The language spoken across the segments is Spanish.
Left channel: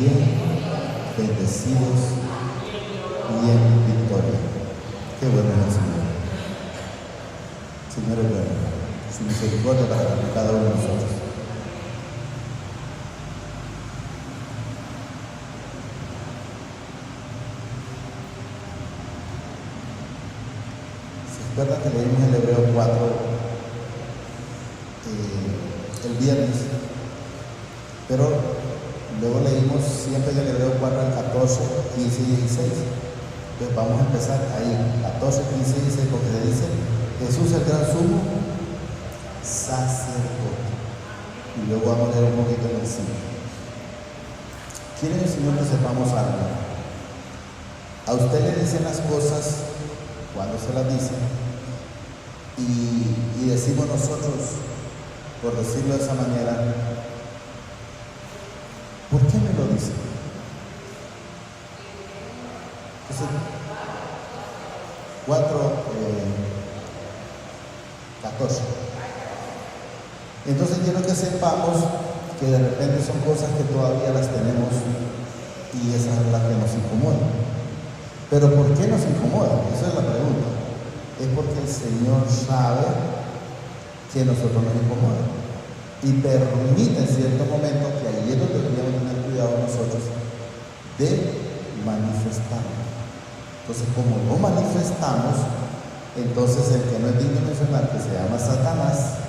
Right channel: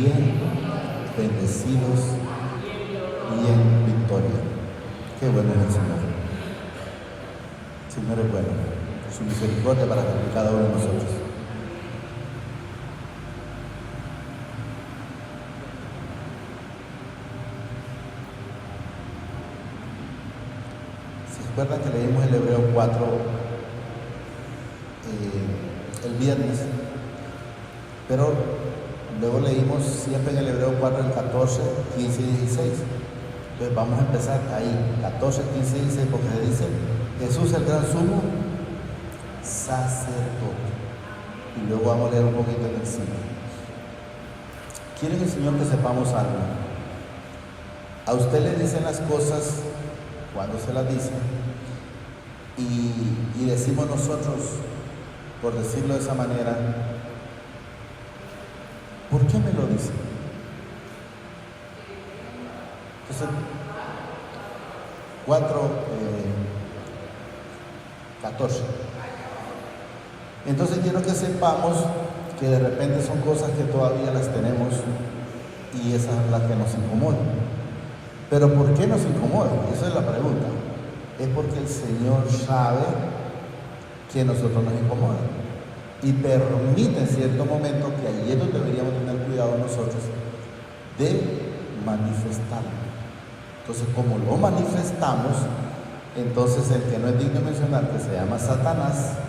bien, bendecidos y en victoria. Qué bueno es el Señor. Señor es bueno, su misericordia para cada uno de nosotros. ¿Se acuerdan que leímos el Hebreo 4 el viernes? Pero luego leímos siempre en el Hebreo 4 el 14, 15 y 16. Entonces vamos a empezar ahí, 14, 15 y 16, porque se dice Jesús el gran sumo sacerdote. Y luego vamos a leer un poquito en el 5. ¿Quiere el Señor que sepamos algo? A usted le dicen las cosas cuando se las dicen y decimos nosotros, por decirlo de esa manera, ¿por qué me lo dicen? Entonces, 14. Entonces quiero que sepamos que de repente son cosas que todavía las tenemos y esas son las que nos incomodan. Pero ¿por qué nos incomodan? Esa es la pregunta. Es porque el Señor sabe que nosotros nos incomodamos y permite en cierto momento, que allí es donde deberíamos tener cuidado nosotros, de manifestarlo. Entonces, como lo manifestamos, entonces el que no es digno de mencionar, que se llama Satanás,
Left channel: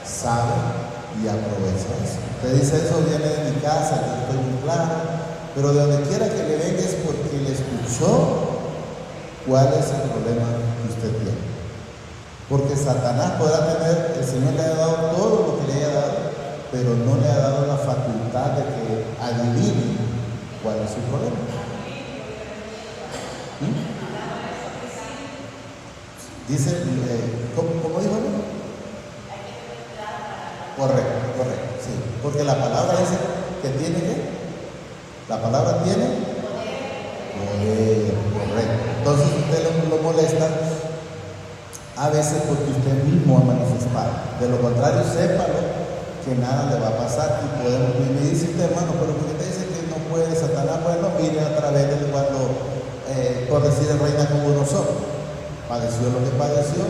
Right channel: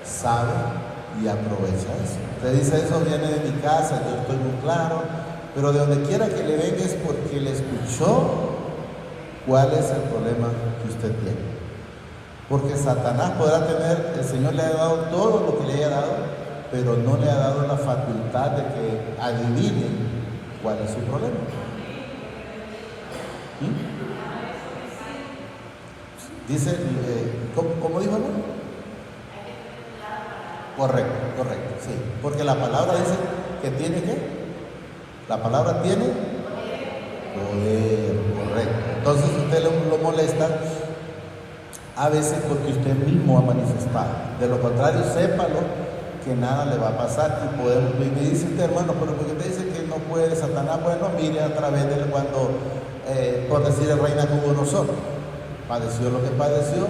sabe y aprovecha eso. Usted dice, eso viene de mi casa, yo estoy muy claro, pero de donde quiera que le venga es porque le escuchó cuál es el problema que usted tiene. Porque Satanás podrá tener, el Señor le ha dado todo lo que le haya dado, pero no le ha dado la facultad de que adivine cuál es su problema. Dice, ¿cómo dijo? Correcto, sí. Porque la palabra dice que tiene que, la palabra tiene poder, correcto. Entonces usted lo molesta a veces porque usted mismo ha manifestado. De lo contrario, sépalo que nada le va a pasar. Y me dice usted, hermano, pero ¿por qué te dice que no puede Satanás? Bueno, mire a través de cuando, por decir, el reina como nosotros. Padeció lo que padeció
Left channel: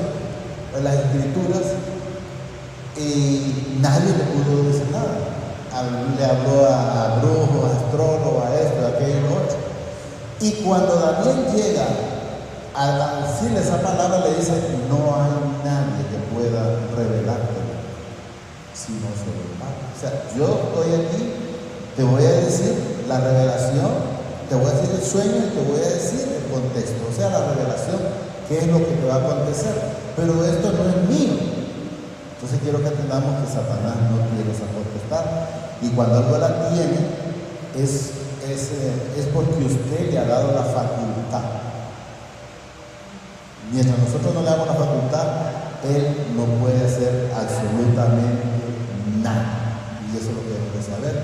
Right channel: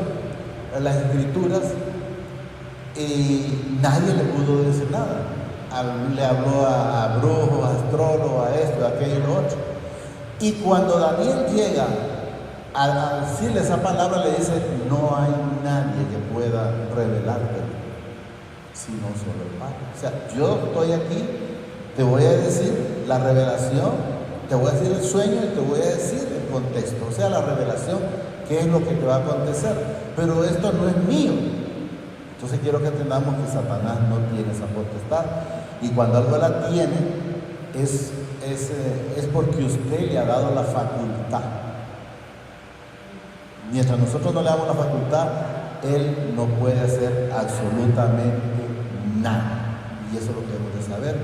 en las escrituras y nadie le pudo decir nada. Le habló a brujos, a astrólogos, a esto, a aquello, a otro. Y cuando Daniel llega a decirle esa palabra, le dice, no hay nadie que pueda revelarte sino solo el Padre. O sea, yo estoy aquí, te voy a decir la revelación, te voy a decir el sueño y te voy a decir el contexto, o sea, la revelación, qué es lo que te va a acontecer, pero esto no es mío. Entonces quiero que entendamos que Satanás no tiene esa potestad, y cuando algo la tiene es porque usted le ha dado la facultad. Mientras nosotros no le damos la facultad, él no puede hacer absolutamente nada, y eso lo tenemos que saber.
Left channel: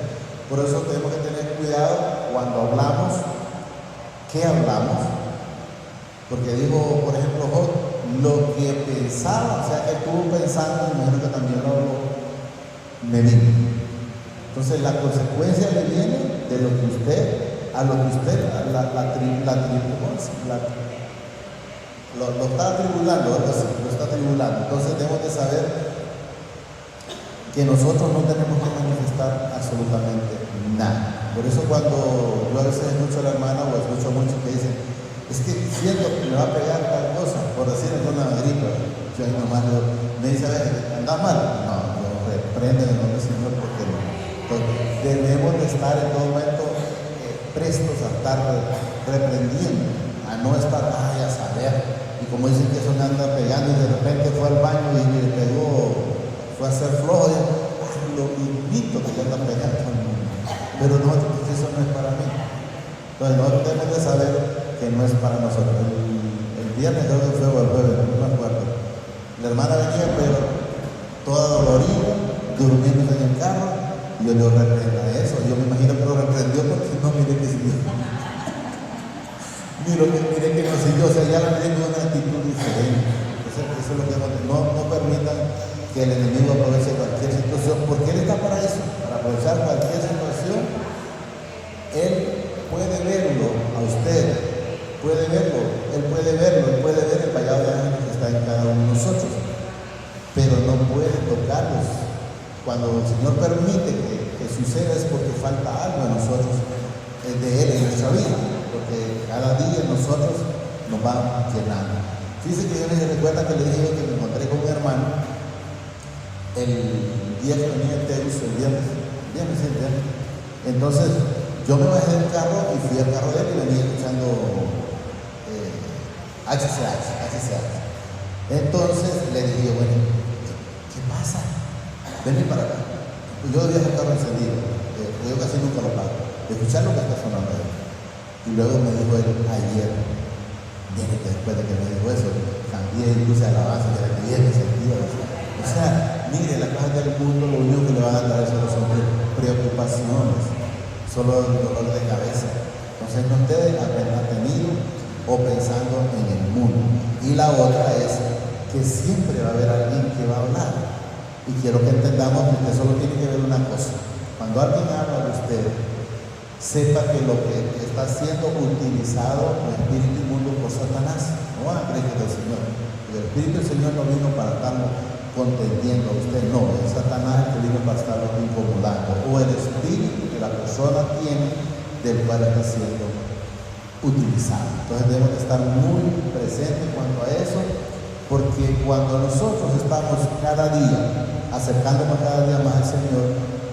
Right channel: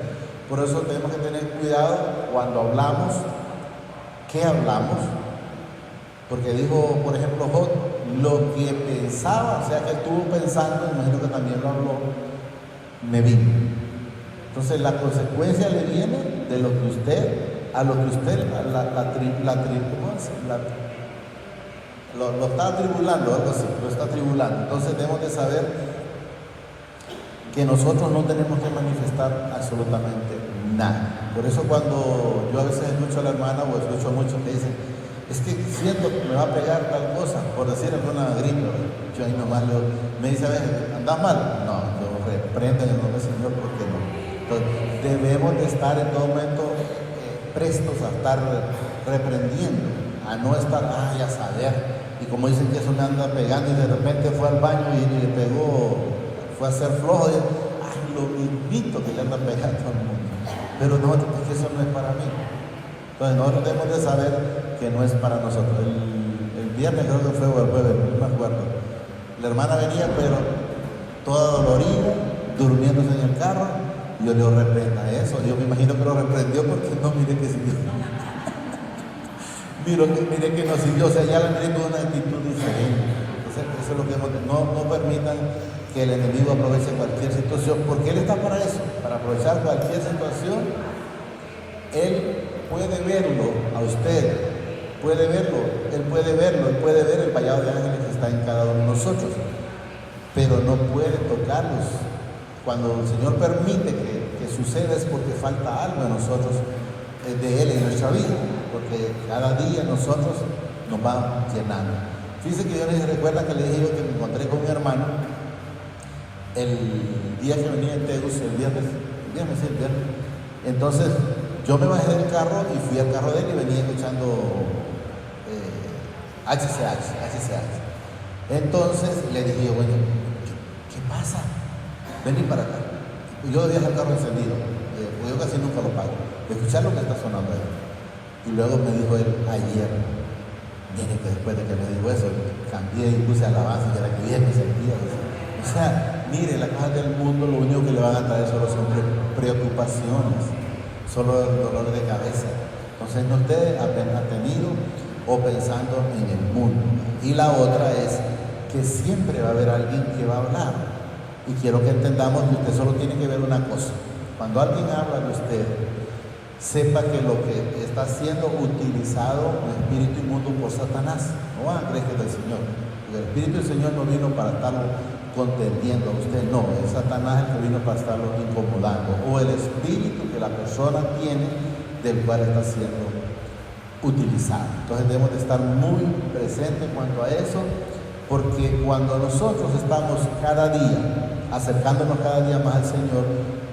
Por eso tenemos que tener cuidado cuando hablamos, qué hablamos. Porque dijo, por ejemplo, Job, lo que pensaba, o sea, que estuvo pensando, me imagino que también lo habló, me vino. Entonces, la consecuencia le viene de lo que usted, lo está atribulando, algo así, lo está atribulando. Entonces, debemos de saber que nosotros no tenemos que manifestar absolutamente nada. Por eso, cuando yo a veces escucho a la hermana o escucho mucho que dicen, es que siento que me va a pegar tal cosa, por decir en una gripa, yo a mi hermano me dice, a ver, ¿andas mal? No, yo reprendo en el nombre del Señor, porque pues, debemos de estar en todo momento prestos a estar reprendiendo, a no estar, a saber, y como dicen que eso me anda pegando y de repente fue al baño y le pegó, fue a hacer flojo, lo invito que le anda pegando, pero no, porque eso no es para mí. Entonces nosotros debemos de saber que no es para nosotros. El viernes, creo que fue el jueves, no me acuerdo. La hermana venía, pero toda dolorida, durmiendo en el carro, y yo lo reprenda de eso. Yo me imagino que lo reprendió porque no, mire que siguió. mire que no siguió, o sea, ya tiene una actitud diferente. Eso es lo que no permitan que el enemigo aproveche cualquier situación, porque él está para eso, para aprovechar cualquier situación, Él puede verlo a usted, puede verlo, Él puede verlo, Él puede ver el vallado de ángeles que está en cada uno de nosotros, pero no puede tocarlos. Cuando el Señor permite que suceda es porque falta algo en nosotros, de Él en nuestra vida, porque cada día nosotros nos va llenando. Fíjense que yo les recuerda que les dije que me encontré con mi hermano el día que venía el Teus, el viernes. Entonces yo me bajé del carro y fui al carro de él y venía escuchando HCH. Entonces le dije, bueno, ¿qué pasa? Vení para acá. Yo debía el carro encendido, yo casi nunca lo pago. Escuchar lo que está sonando ahí. Y luego me dijo él ayer, después de que me dijo eso, cambié y puse alabanza de la que viene sentido. O sea, mire, las cosas del mundo lo único que le van a traer solo son preocupaciones, solo dolor de cabeza. Entonces no esté apenas tenido o pensando en el mundo. Y la otra es que siempre va a haber alguien que va a hablar. Y quiero que entendamos que usted solo tiene que ver una cosa. Cuando alguien habla de usted, sepa que lo que está siendo utilizado el espíritu inmundo por Satanás. No van a creer que es del Señor. El espíritu del Señor no vino para estarlo contendiendo a usted, no, es Satanás el que vino para estarlo incomodando, o el espíritu que la persona tiene del cual está siendo utilizado. Entonces debemos estar muy presentes en cuanto a eso, porque cuando nosotros estamos cada día acercándonos cada día más al Señor,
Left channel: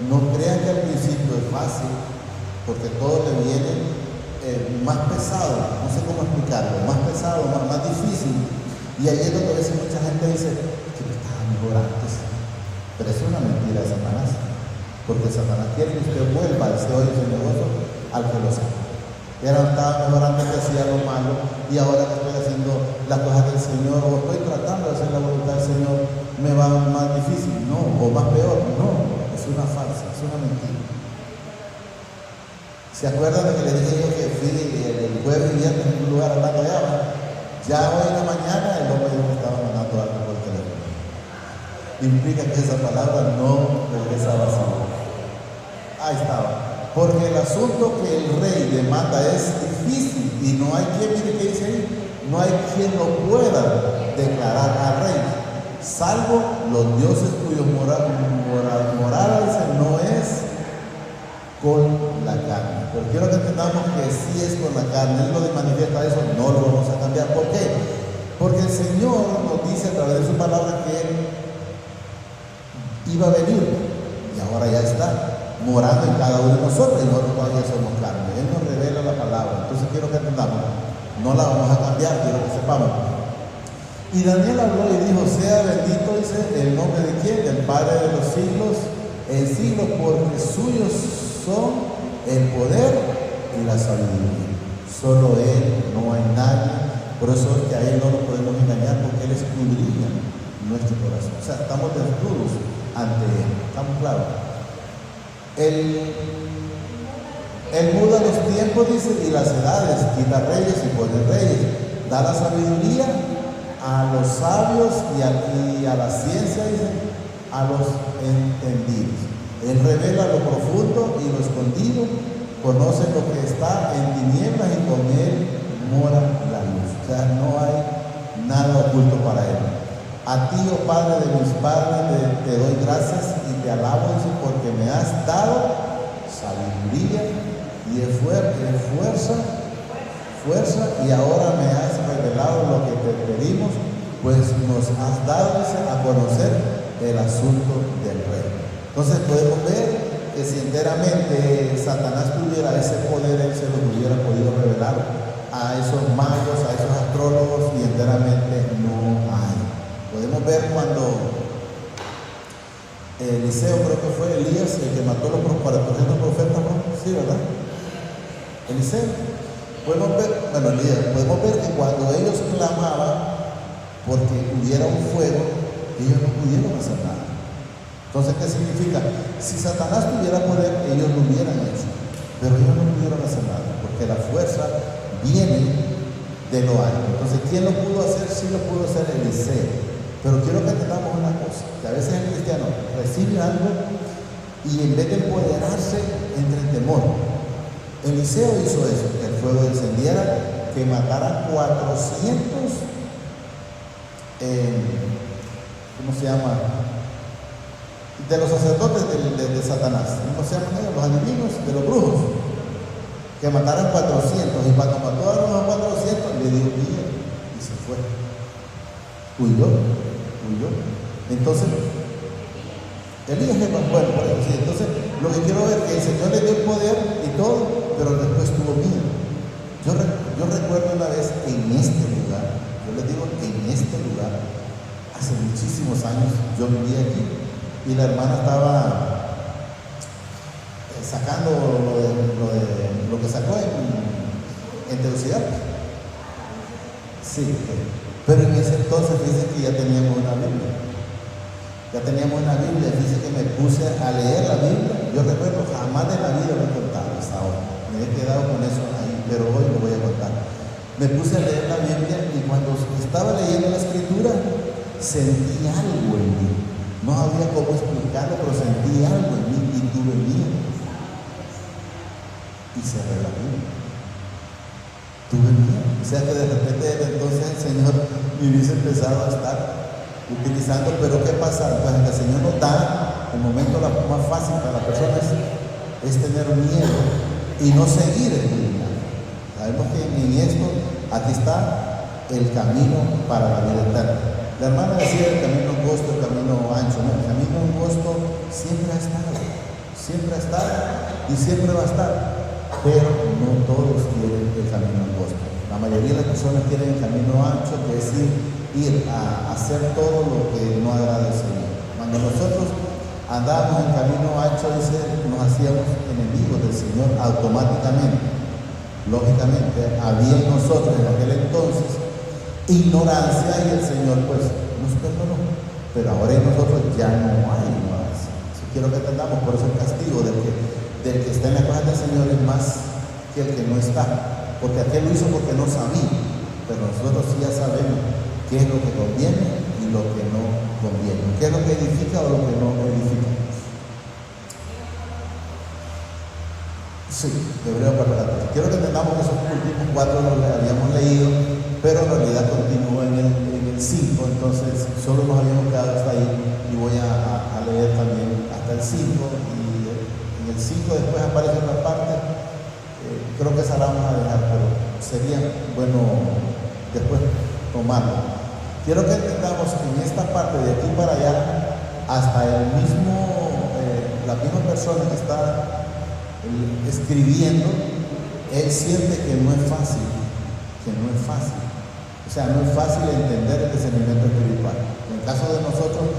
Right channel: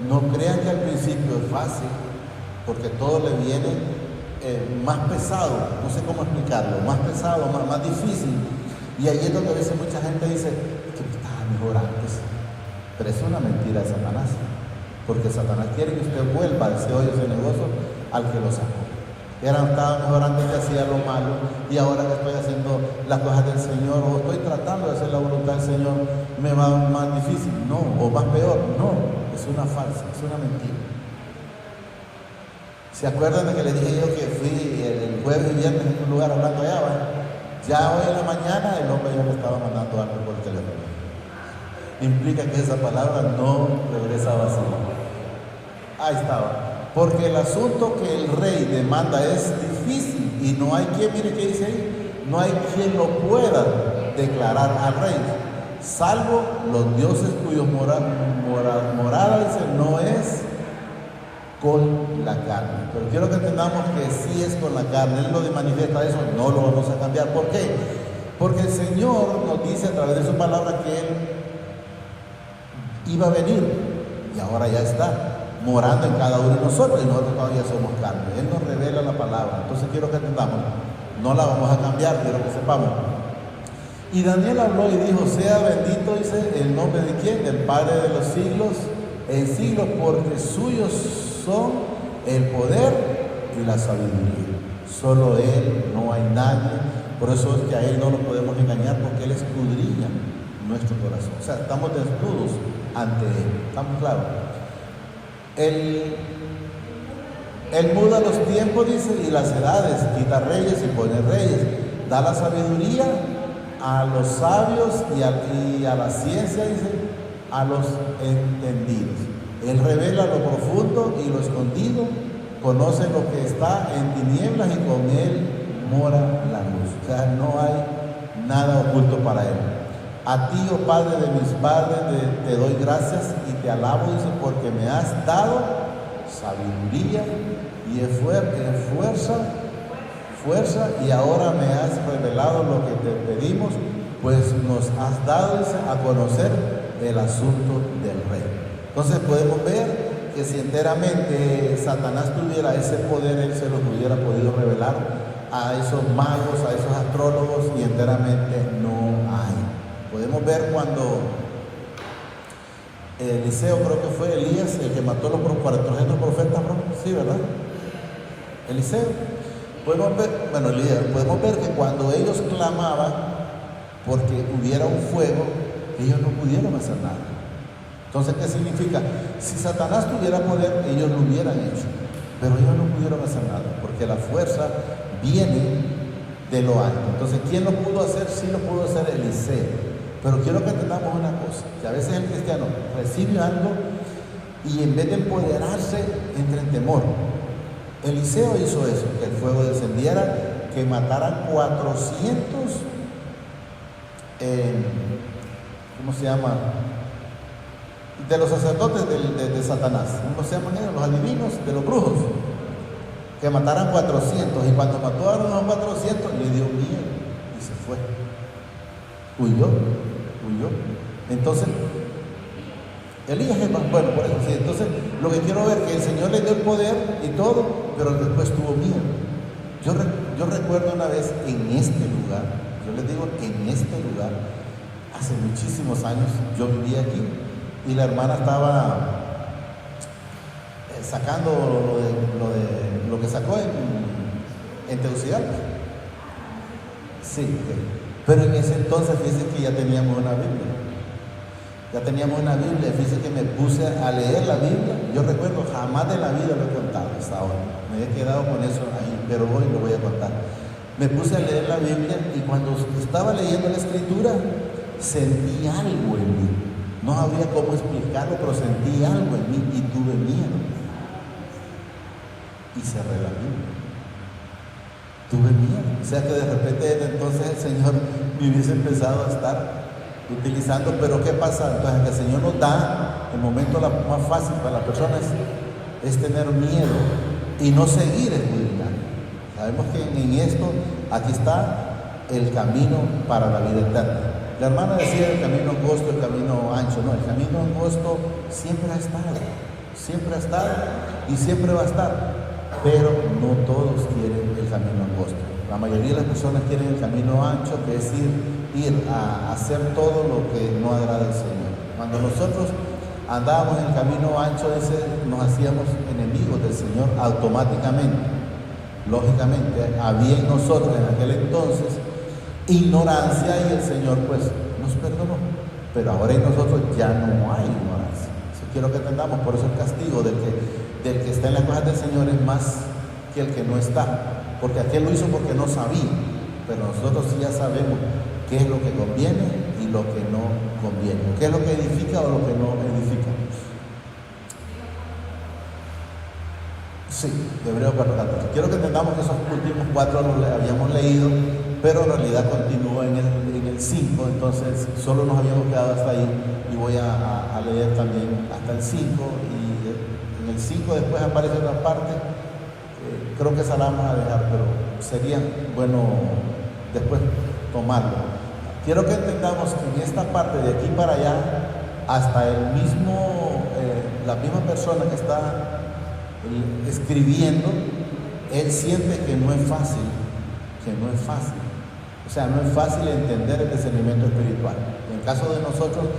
no crean que al principio es fácil, porque todo le viene más pesado, no sé cómo explicarlo, más pesado, más difícil. Y ahí es donde a veces mucha gente dice que me estaba mejor antes. Pero es una mentira de Satanás, porque Satanás quiere que usted vuelva al CEO de su negocio al que lo sacó. Era estaba mejor antes que hacía lo malo, y ahora que estoy haciendo las cosas del Señor, o estoy tratando de hacer la voluntad del Señor, me va más difícil. No, o más peor. No, es una farsa, es una mentira. ¿Se acuerdan de que les dije yo que fui el jueves y viernes en un lugar hablando allá? Ya hoy en la mañana el hombre me estaba mandando algo por teléfono. Implica que esa palabra no regresa vacía. Ahí estaba. Porque el asunto que el rey demanda es difícil y no hay quien, mire que dice ahí, no hay quien lo pueda declarar al rey, salvo los dioses cuyos morales no es con la carne. Pero quiero que entendamos que sí es con la carne. Él lo manifiesta eso, no lo vamos a cambiar. ¿Por qué? Porque el Señor nos dice a través de su palabra que Él iba a venir y ahora ya está morando en cada uno de nosotros, y nosotros todavía somos carne. Él nos revela la palabra. Entonces quiero que entendamos, no la vamos a cambiar, quiero que sepamos. Y Daniel habló y dijo, sea bendito, dice, el nombre de quién, del Padre de los siglos en siglos, porque suyos son el poder y la sabiduría. Solo Él, no hay nadie. Por eso es que a Él no lo podemos engañar, porque Él escudriña nuestro corazón. O sea, estamos desnudos ante Él. ¿Estamos claros? Él muda los tiempos, dice, y las edades, quita reyes y pone reyes. Da la sabiduría a los sabios y a la ciencia, dice, a los entendidos. Él revela lo profundo y lo escondido, conoce lo que está en tinieblas y con Él mora la luz. O sea, no hay nada oculto para Él. A ti, oh Padre de mis padres, te doy gracias y te alabo, dice, porque me has dado sabiduría y fuerza, y ahora me has revelado lo que te pedimos, pues nos has dado, dice, a conocer el asunto del rey. Entonces podemos ver que si enteramente Satanás tuviera ese poder, él se lo hubiera podido revelar a esos magos, a esos astrólogos, y enteramente no hay. Podemos ver cuando Eliseo, creo que fue Elías, el que mató a los 400 profetas, ¿no? Sí, ¿verdad? Eliseo. Podemos ver que cuando ellos clamaban porque hubiera un fuego, ellos no pudieron hacer nada. Entonces, ¿qué significa? Si Satanás tuviera poder, ellos lo hubieran hecho, pero ellos no pudieron hacer nada, porque la fuerza viene de lo alto. Entonces, ¿quién lo pudo hacer? Sí lo pudo hacer Eliseo. Pero quiero que tengamos una cosa, que a veces el cristiano recibe algo y en vez de empoderarse, entra en temor. Eliseo hizo eso, que el fuego descendiera, que mataran 400, ¿cómo se llama? De los sacerdotes de Satanás, ¿cómo se llaman ellos? Los adivinos, de los brujos, que mataran 400, y cuando mató a los 400 le dio miedo y se fue, huyó. Entonces Elías es tan bueno, sí. Entonces lo que quiero ver es que el Señor le dio el poder y todo, pero después tuvo miedo. Yo recuerdo una vez en este lugar, yo les digo que en este lugar, hace muchísimos años, yo vivía aquí y la hermana estaba sacando lo que sacó en Tegucigalpa. Sí, pero en ese entonces dice que ya teníamos una Biblia. Dice que me puse a leer la Biblia. Yo recuerdo, jamás de la vida lo he contado hasta ahora. Me he quedado con eso ahí, pero hoy lo voy a contar. Me puse a leer la Biblia y cuando estaba leyendo la Escritura, sentí algo en mí. No sabía cómo explicarlo, pero sentí algo en mí y tuve miedo. Y cerré la Biblia. Tuve miedo. O sea que de repente entonces el Señor me hubiese empezado a estar utilizando, pero ¿qué pasa? Pues el Señor nos da el momento más fácil para las personas es tener miedo y no seguir el Biblia. Sabemos que en esto, aquí está el camino para la vida eterna. La hermana decía el camino angosto, el camino ancho. No, el camino angosto siempre ha estado y siempre va a estar, pero no todos quieren el camino angosto. La mayoría de las personas quieren el camino ancho, que es ir a hacer todo lo que no agrada al Señor. Cuando nosotros andábamos en camino ancho, nos hacíamos enemigos del Señor automáticamente. Lógicamente, había en nosotros en aquel entonces ignorancia y el Señor pues nos perdonó. Pero ahora en nosotros ya no hay ignorancia. Quiero que entendamos, por eso el castigo del que está en la casa del Señor es más que el que no está. Porque aquel lo hizo porque no sabía, pero nosotros sí ya sabemos qué es lo que conviene y lo que no conviene, qué es lo que edifica o lo que no edifica. Sí, debería preparar. Quiero que entendamos que esos últimos 4 los habíamos leído, pero en realidad continuó en el 5, entonces solo nos habíamos quedado hasta ahí y voy a leer también hasta el 5 y en el 5 después aparece otra parte. Creo que esa la vamos a dejar, pero sería bueno después tomarlo. Quiero que entendamos que en esta parte de aquí para allá, hasta la misma persona que está escribiendo, él siente que no es fácil. O sea, no es fácil entender el discernimiento espiritual. En el caso de nosotros,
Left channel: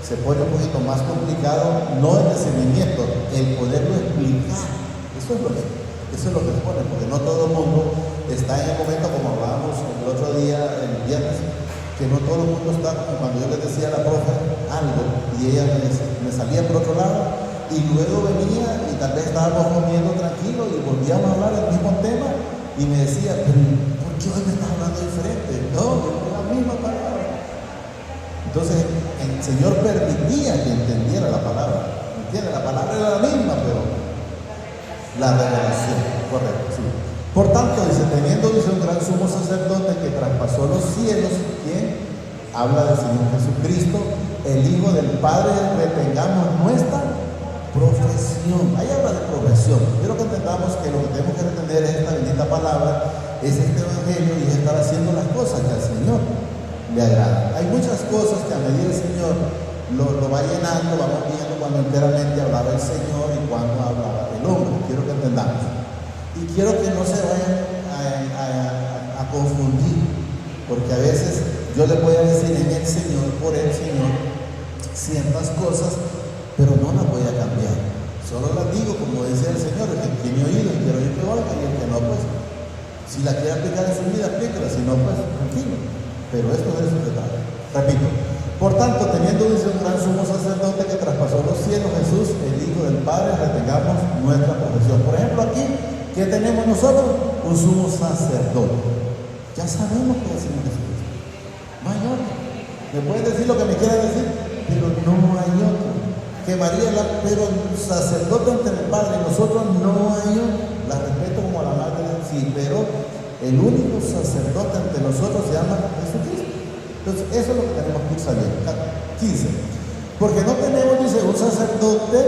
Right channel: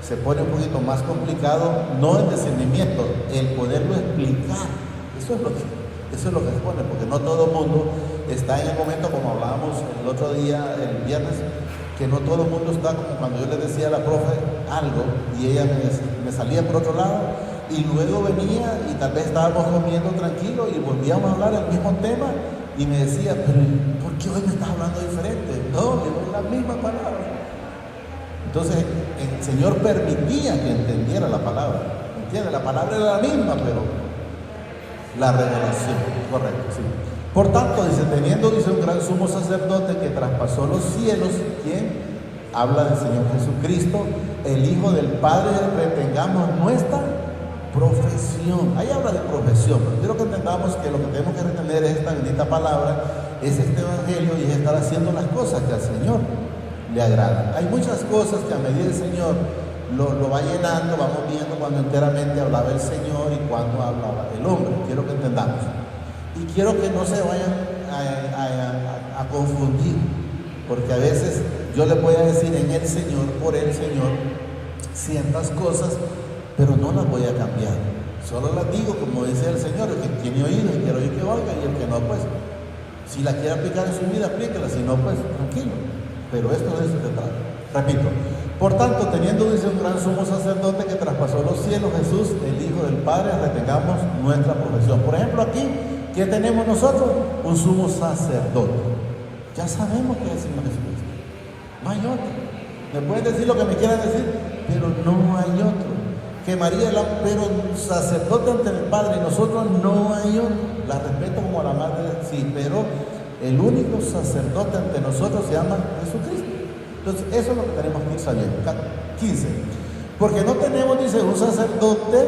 se pone un poquito más complicado, no el discernimiento, el poderlo explicar. Eso es lo que se pone, porque no todo el mundo está en el momento, como hablábamos el otro día, el viernes, que no todo el mundo está como cuando yo le decía a la profe algo y ella me salía por otro lado y luego venía y tal vez estábamos comiendo tranquilo y volvíamos a hablar del mismo tema y me decía, pero ¿por qué hoy me estás hablando diferente? No, yo la misma palabra. Entonces el Señor permitía que entendiera la palabra. ¿Entiendes? La palabra era la misma, pero la revelación, correcto, sí. Por tanto, teniendo un gran sumo sacerdote que traspasó los cielos, ¿quién? Habla del Señor Jesucristo, el Hijo del Padre, retengamos nuestra profesión. Ahí habla de profesión. Quiero que entendamos que lo que tenemos que retener es esta bendita palabra, es este evangelio y es estar haciendo las cosas que al Señor le agradan. Hay muchas cosas que a medida el Señor lo va llenando, vamos viendo cuando enteramente hablaba el Señor y cuando hablaba el hombre. Quiero que entendamos. Y quiero que no se vayan a confundir, porque a veces yo le voy a decir en el Señor, por el Señor, ciertas cosas, pero no las voy a cambiar. Solo las digo como dice el Señor, el que tiene oído, pero yo que oiga y el que no, pues, si la quiere aplicar en su vida, aplíquela, si no, pues, tranquilo. Pero esto es el secretario. Repito. Por tanto, teniendo un gran sumo sacerdote que traspasó los cielos, Jesús, el Hijo del Padre, retengamos nuestra profesión. Por ejemplo, aquí, ¿qué tenemos nosotros? Un sumo sacerdote. Ya sabemos que es el Señor Jesucristo. No hay otro. Me pueden decir lo que me quieran decir, pero no hay otro. que María, pero el sacerdote ante el Padre, nosotros no hay, la respeto como la madre, sí, pero el único sacerdote ante nosotros se llama Jesucristo. Entonces, eso es lo que tenemos que ir sabiendo. 15. Porque no tenemos, dice, un sacerdote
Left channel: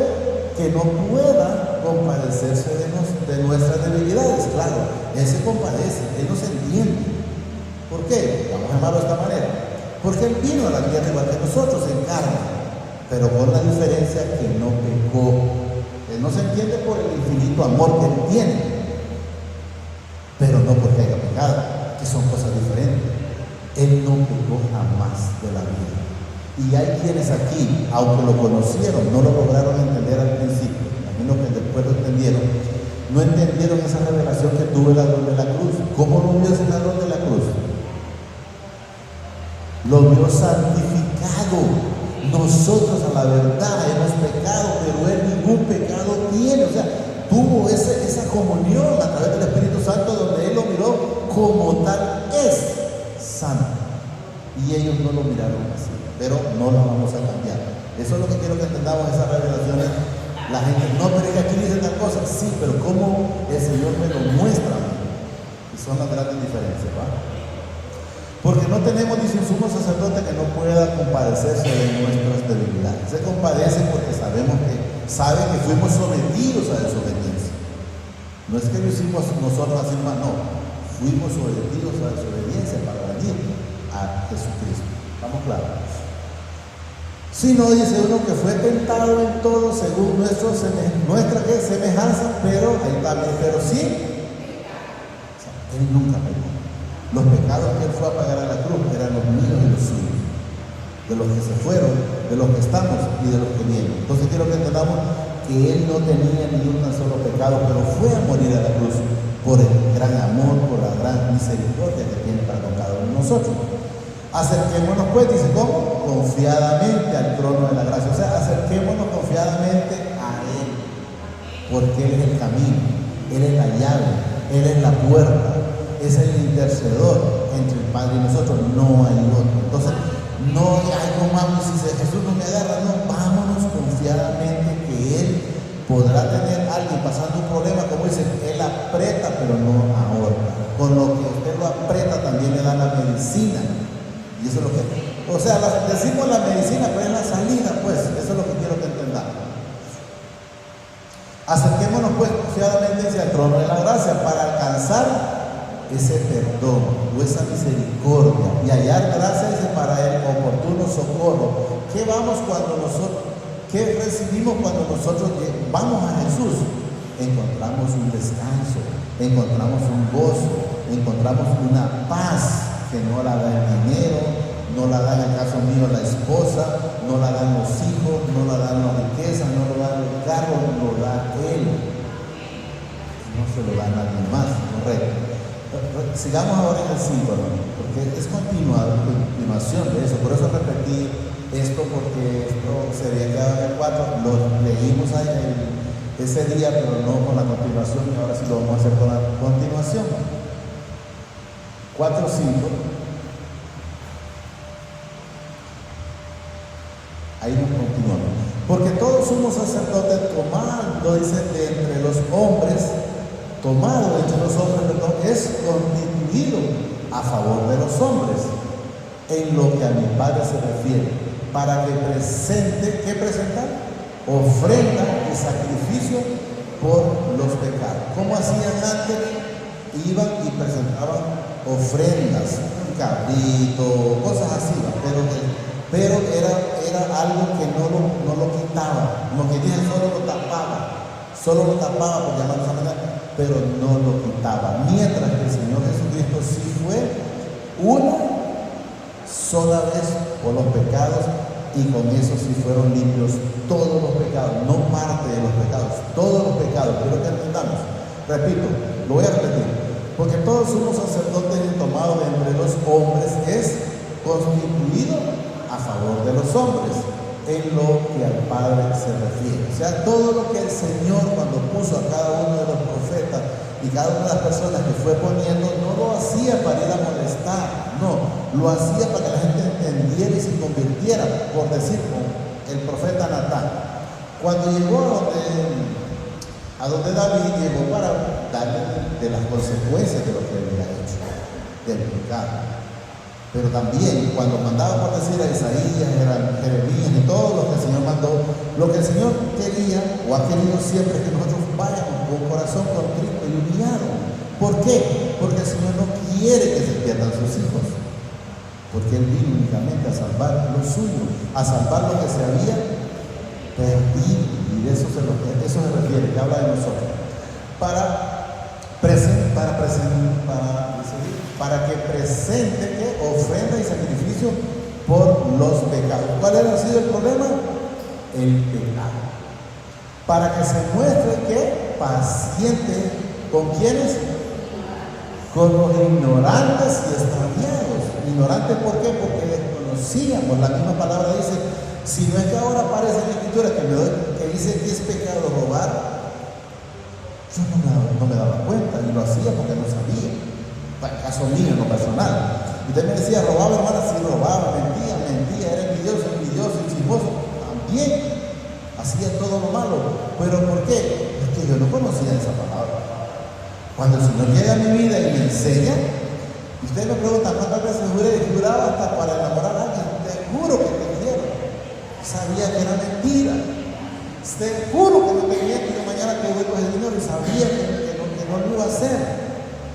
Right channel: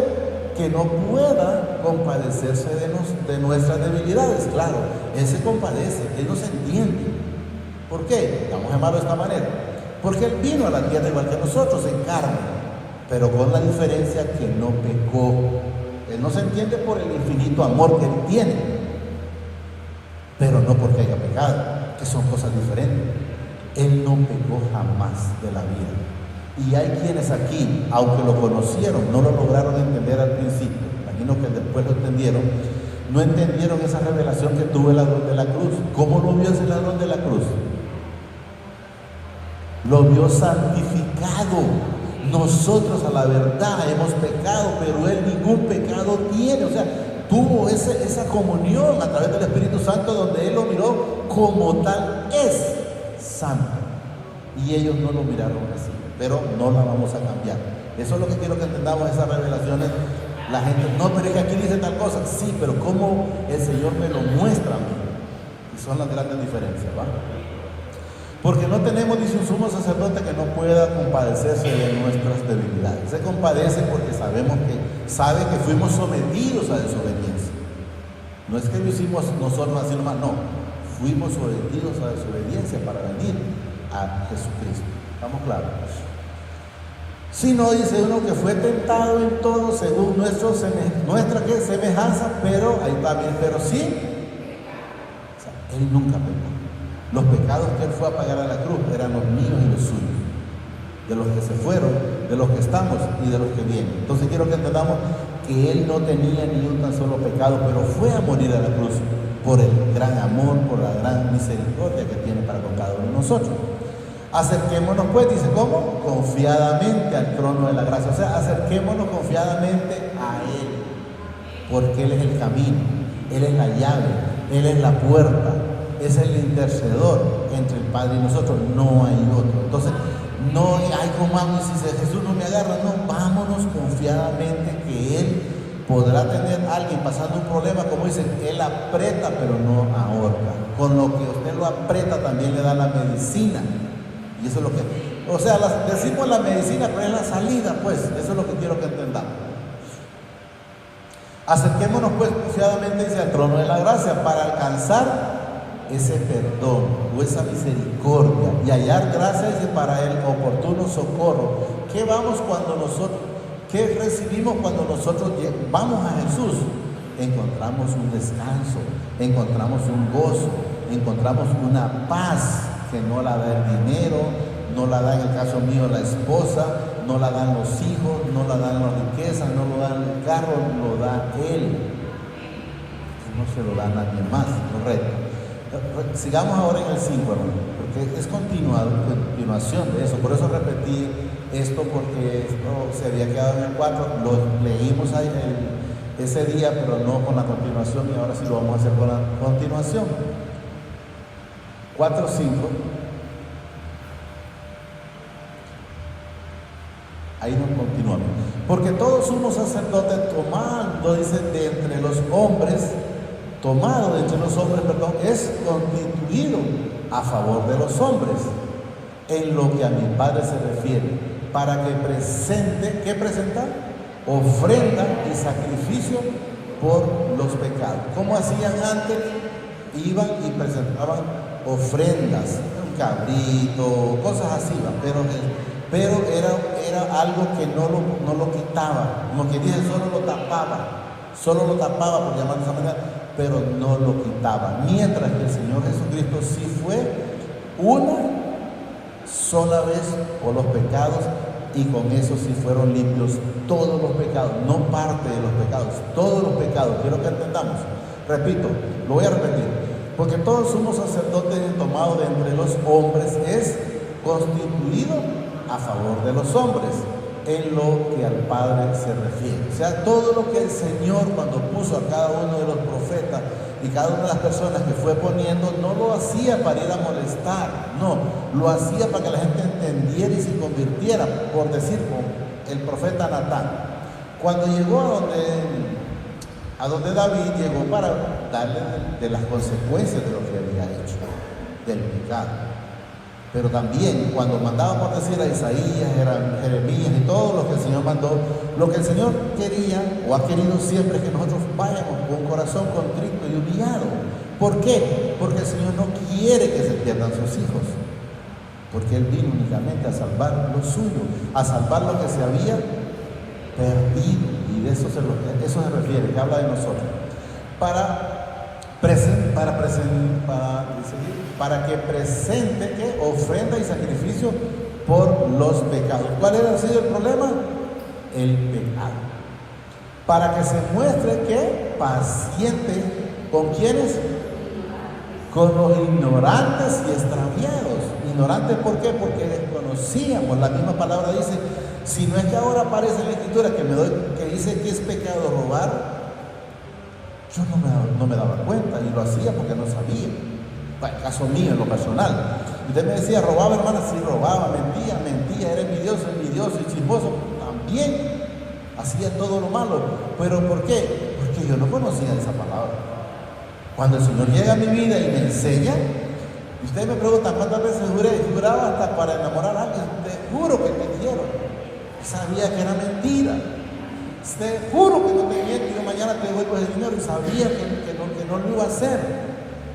que no pueda compadecerse de nuestras debilidades. Claro, Él se compadece, Él nos entiende. ¿Por qué? Vamos a llamarlo de esta manera. Porque Él vino a la tierra igual que nosotros, en carne, pero con la diferencia que no pecó. Él no se entiende por el infinito amor que Él tiene, pero no porque haya pecado, que son cosas diferentes. Él no pecó jamás de la vida. Y hay quienes aquí, aunque lo conocieron, no lo lograron entender al principio, a menos que después lo entendieron, no entendieron esa revelación que tuvo el ladrón de la cruz. ¿Cómo lo vio ese ladrón de la cruz? Lo vio santificado. Nosotros a la verdad hemos pecado, pero Él ningún pecado tiene. O sea, tuvo esa comunión a través del Espíritu Santo, donde Él lo miró como tal es santo. Y ellos no lo miraron así, pero no lo vamos a cambiar. Eso es lo que quiero que entendamos, esas revelaciones. La gente, no, pero es que aquí dice tal cosa. Sí, pero cómo el Señor me lo muestra. Y son las grandes diferencias, ¿va? Porque no tenemos, dice, un sumo sacerdote que no pueda compadecerse de nuestras debilidades. Se compadece porque sabe que fuimos sometidos a desobediencia. No es que lo hicimos nosotros así más, no. Fuimos sometidos a desobediencia para venir a Jesucristo. ¿Estamos claros? Si no, dice uno que fue tentado en todo según nuestra semejanza, pero ahí también, pero sí, o sea, Él nunca pecó. Los pecados que Él fue a pagar a la cruz eran los míos y los suyos, de los que se fueron, de los que estamos y de los que vienen. Entonces quiero que entendamos que Él no tenía ni un tan solo pecado, pero fue a morir a la cruz por el gran amor, por la gran misericordia que tiene para con cada uno de nosotros. Acerquémonos pues, dice, ¿cómo? Confiadamente al trono de la gracia. O sea, acerquémonos confiadamente a Él, porque Él es el camino, Él es la llave, Él es la puerta. Es el intercedor entre el Padre y nosotros, no hay otro. Entonces, no hay algo malo si Jesús no me agarra, no, vámonos confiadamente que Él podrá tener a alguien pasando un problema, como dice, Él aprieta pero no ahorca. Con lo que usted lo aprieta también le da la medicina. Y eso es lo que, o sea, decimos la medicina, pero es la salida, pues, eso es lo que quiero que entendamos. Acerquémonos pues confiadamente hacia el trono de la gracia para alcanzar ese perdón o esa misericordia y hallar gracia, dice, para el oportuno socorro. ¿Qué recibimos cuando nosotros vamos a Jesús? Encontramos un descanso, encontramos un gozo, encontramos una paz que no la da el dinero, no la da en el caso mío la esposa, no la dan los hijos, no la dan las riquezas, no lo da el carro, lo da Él. No se lo da a nadie más, correcto. Sigamos ahora en el 5, ¿no? Porque es continuación de eso. Por eso repetí esto, porque esto se había quedado en el 4. Lo leímos ese día, pero no con la continuación, y ahora sí lo vamos a hacer con la continuación. 4, 5. Ahí nos continuamos. Porque todos somos sacerdotes tomando, dice, de entre los hombres, tomado de entre los hombres, perdón, es constituido a favor de los hombres, en lo que a mi Padre se refiere, para que presente, ¿qué presentar? Ofrenda y sacrificio por los pecados. ¿Cómo hacían antes? Iban y presentaban ofrendas, un cabrito, cosas así, pero era algo que no lo quitaba, como que dije, solo lo tapaba, por llamarlo de manera, pero no lo quitaba. Mientras que el Señor Jesucristo sí fue una sola vez por los pecados, y con eso sí fueron limpios todos los pecados, no parte de los pecados, todos los pecados. Quiero que entendamos, repito, lo voy a repetir, porque todos somos sacerdotes y tomados de entre los hombres es constituido a favor de los hombres, en lo que al Padre se refiere. O sea, todo lo que el Señor, cuando puso a cada uno de los profetas y cada una de las personas que fue poniendo, no lo hacía para ir a molestar, no, lo hacía para que la gente entendiera y se convirtiera. Por decir, el profeta Natán, Cuando llegó a donde David, llegó para darle de las consecuencias de lo que había hecho, del pecado. Pero también cuando mandaba para decir a Isaías, a Jeremías y todos los que el Señor mandó, lo que el Señor quería o ha querido siempre es que nosotros vayamos con un corazón contrito y humillado. ¿Por qué? Porque el Señor no quiere que se pierdan sus hijos. Porque Él vino únicamente a salvar lo suyo, a salvar lo que se había perdido. Y de eso se refiere, que habla de nosotros. Para que presente que ofrenda y sacrificio por los pecados. ¿Cuál ha sido el problema? El pecado. Para que se muestre que paciente, ¿con quiénes? Con los ignorantes y extraviados. ¿Ignorantes por qué? Porque desconocíamos. La misma palabra dice, si no es que ahora aparece en la Escritura que dice que es pecado robar, yo no me daba cuenta y lo hacía porque no sabía. Caso mío, en lo personal. Usted me decía, robaba, hermano, sí robaba, mentía, era envidioso, chismoso, también hacía todo lo malo. ¿Pero por qué? Es que yo no conocía esa palabra. Cuando el Señor llega a mi vida y me enseña, usted me pregunta cuántas veces juraba hasta para enamorar a alguien. Te juro que te quiero. Sabía que era mentira. Te juro que no te miento y de mañana te voy con el Señor y sabía que no lo iba a hacer.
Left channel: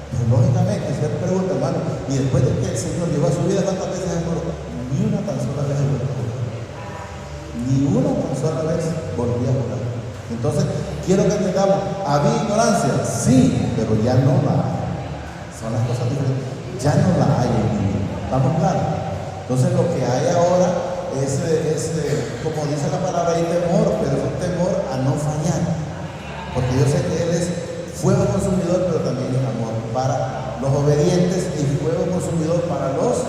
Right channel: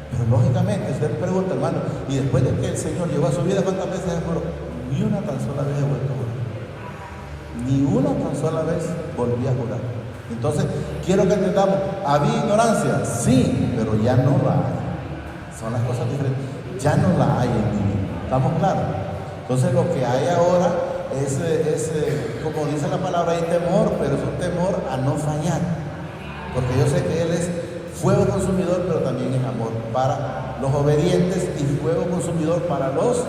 Pero lógicamente, usted pregunta, hermano, y después de que el Señor llevó a su vida, ¿cuántas veces juró? Ni una tan sola vez volvió a jurar. Ni una tan sola vez volvió a jurar. Entonces, quiero que entendamos, ¿había ignorancia? Sí, pero ya no la hay. Son las cosas diferentes. Ya no la hay en mi vida. ¿Estamos claros? Entonces, lo que hay ahora es como dice la palabra, hay temor, pero es un temor a no fallar. Porque yo sé que Él es fuego consumidor, pero también es amor para los obedientes y fuego consumidor para los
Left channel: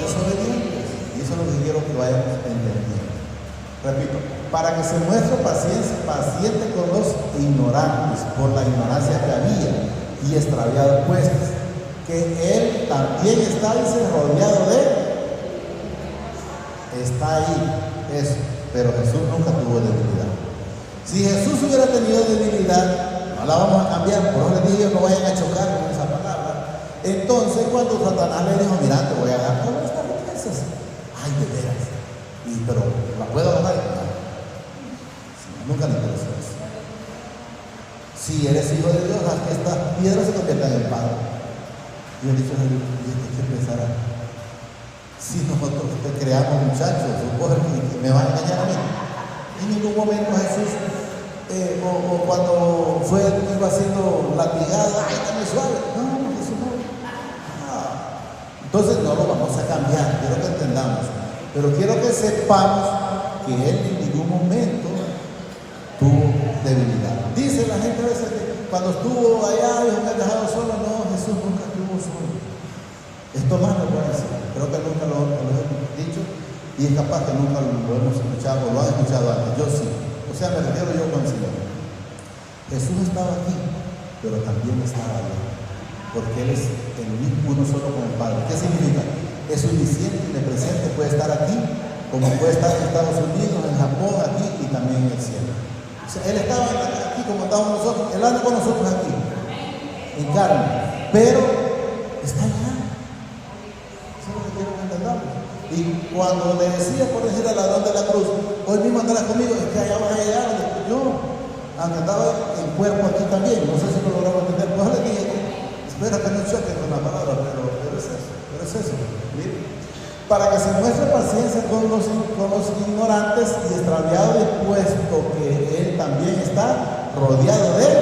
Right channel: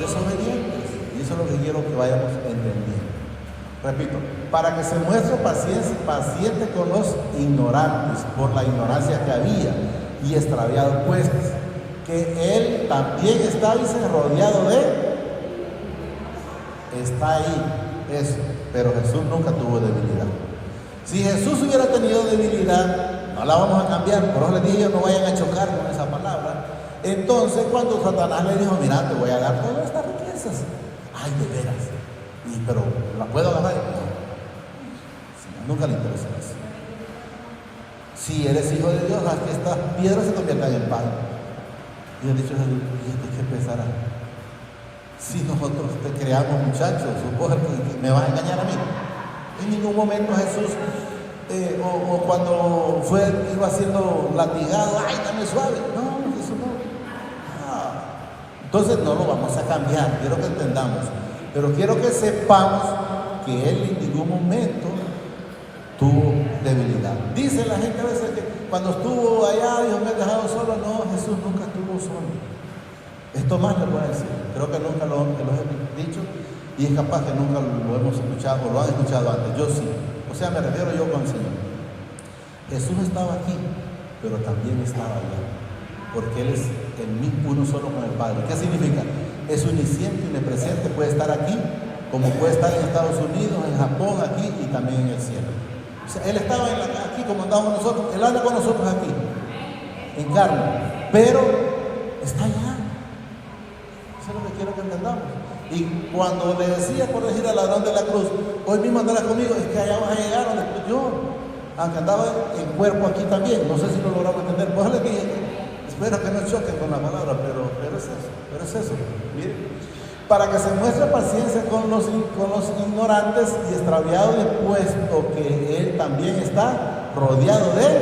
obedientes. Y eso es lo que quiero que vayamos entendiendo. Repito, para que se muestre paciente con los ignorantes, por la ignorancia que había y extraviado pues, que Él también está rodeado de. Está ahí, eso. Pero Jesús nunca tuvo debilidad. Si Jesús hubiera tenido debilidad, no la vamos a cambiar, por eso les dije no vayan a chocar con esa palabra. Entonces cuando Satanás le dijo, mira, te voy a dar todas estas riquezas, ay, de veras, pero ¿la puedo agarrar? No. Nunca le interesó eso. Si eres hijo de Dios, haz que estas piedras se conviertan en pan. Y él dicho, ¿y esto qué pensará? Si nosotros creamos muchachos, cosas que me van a engañar a mí. En ningún momento Jesús o cuando iba siendo latigado, ¡ay, está muy suave! No, Jesús no. Entonces no lo vamos a cambiar, quiero que entendamos. Pero quiero que sepamos que Él en ningún momento tuvo debilidad. Dice la gente a veces que cuando estuvo allá, Dios me ha dejado solo. No, Jesús nunca estuvo solo. Esto más le voy a decir, creo que nunca lo hemos dicho y es capaz que nunca lo hemos escuchado o lo han escuchado antes. Yo sí. O sea, me refiero yo con el Señor. Jesús estaba aquí, pero también estaba allá, porque Él es el mismo, uno solo con el Padre. ¿Qué significa? Es omnisciente y presente, puede estar aquí, como puede estar en Estados Unidos, en Japón, aquí y también en el cielo. O sea, Él estaba aquí como estábamos nosotros, Él anda con nosotros aquí, en carne, pero está allá. Eso es lo que quiero que entendamos. Y cuando le decía, por decir, al ladrón de la cruz, hoy mismo andarás conmigo, es que allá vas a llegar. No, andaba en cuerpo aquí también. No sé si lo logramos entender. Pues le dije, espero que no choquen con la palabra, pero es eso. Miren, para que se muestre paciencia con los ignorantes y extraviados, puesto que Él también está rodeado de Él.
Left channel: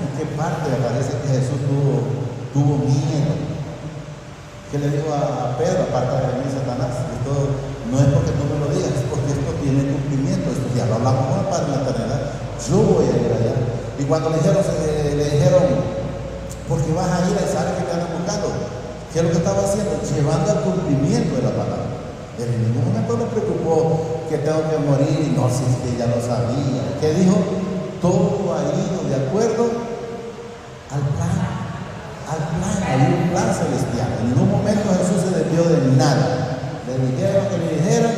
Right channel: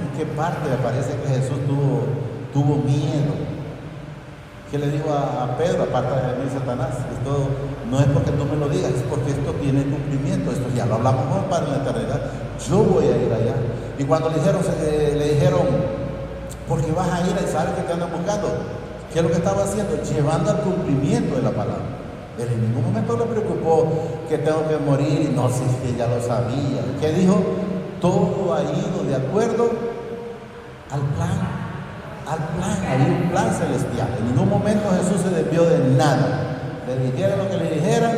¿En qué parte aparece que Jesús tuvo miedo? ¿Qué le digo a Pedro, aparte de mí, Satanás? Esto no es porque tú me lo digas, es porque esto tiene cumplimiento. Esto ya lo hablamos con el Padre en la eternidad. Yo voy a ir allá. Y cuando le dijeron, porque vas a ir a esa área que te andan buscando, ¿qué es lo que estaba haciendo? Llevando al cumplimiento de la palabra. En ningún momento le preocupó que tengo que morir y no, si que ya lo sabía. ¿Qué dijo? Todo ha ido de acuerdo al plan. Había un plan celestial. En ningún momento Jesús se desvió de nada. Desde que le dijeron,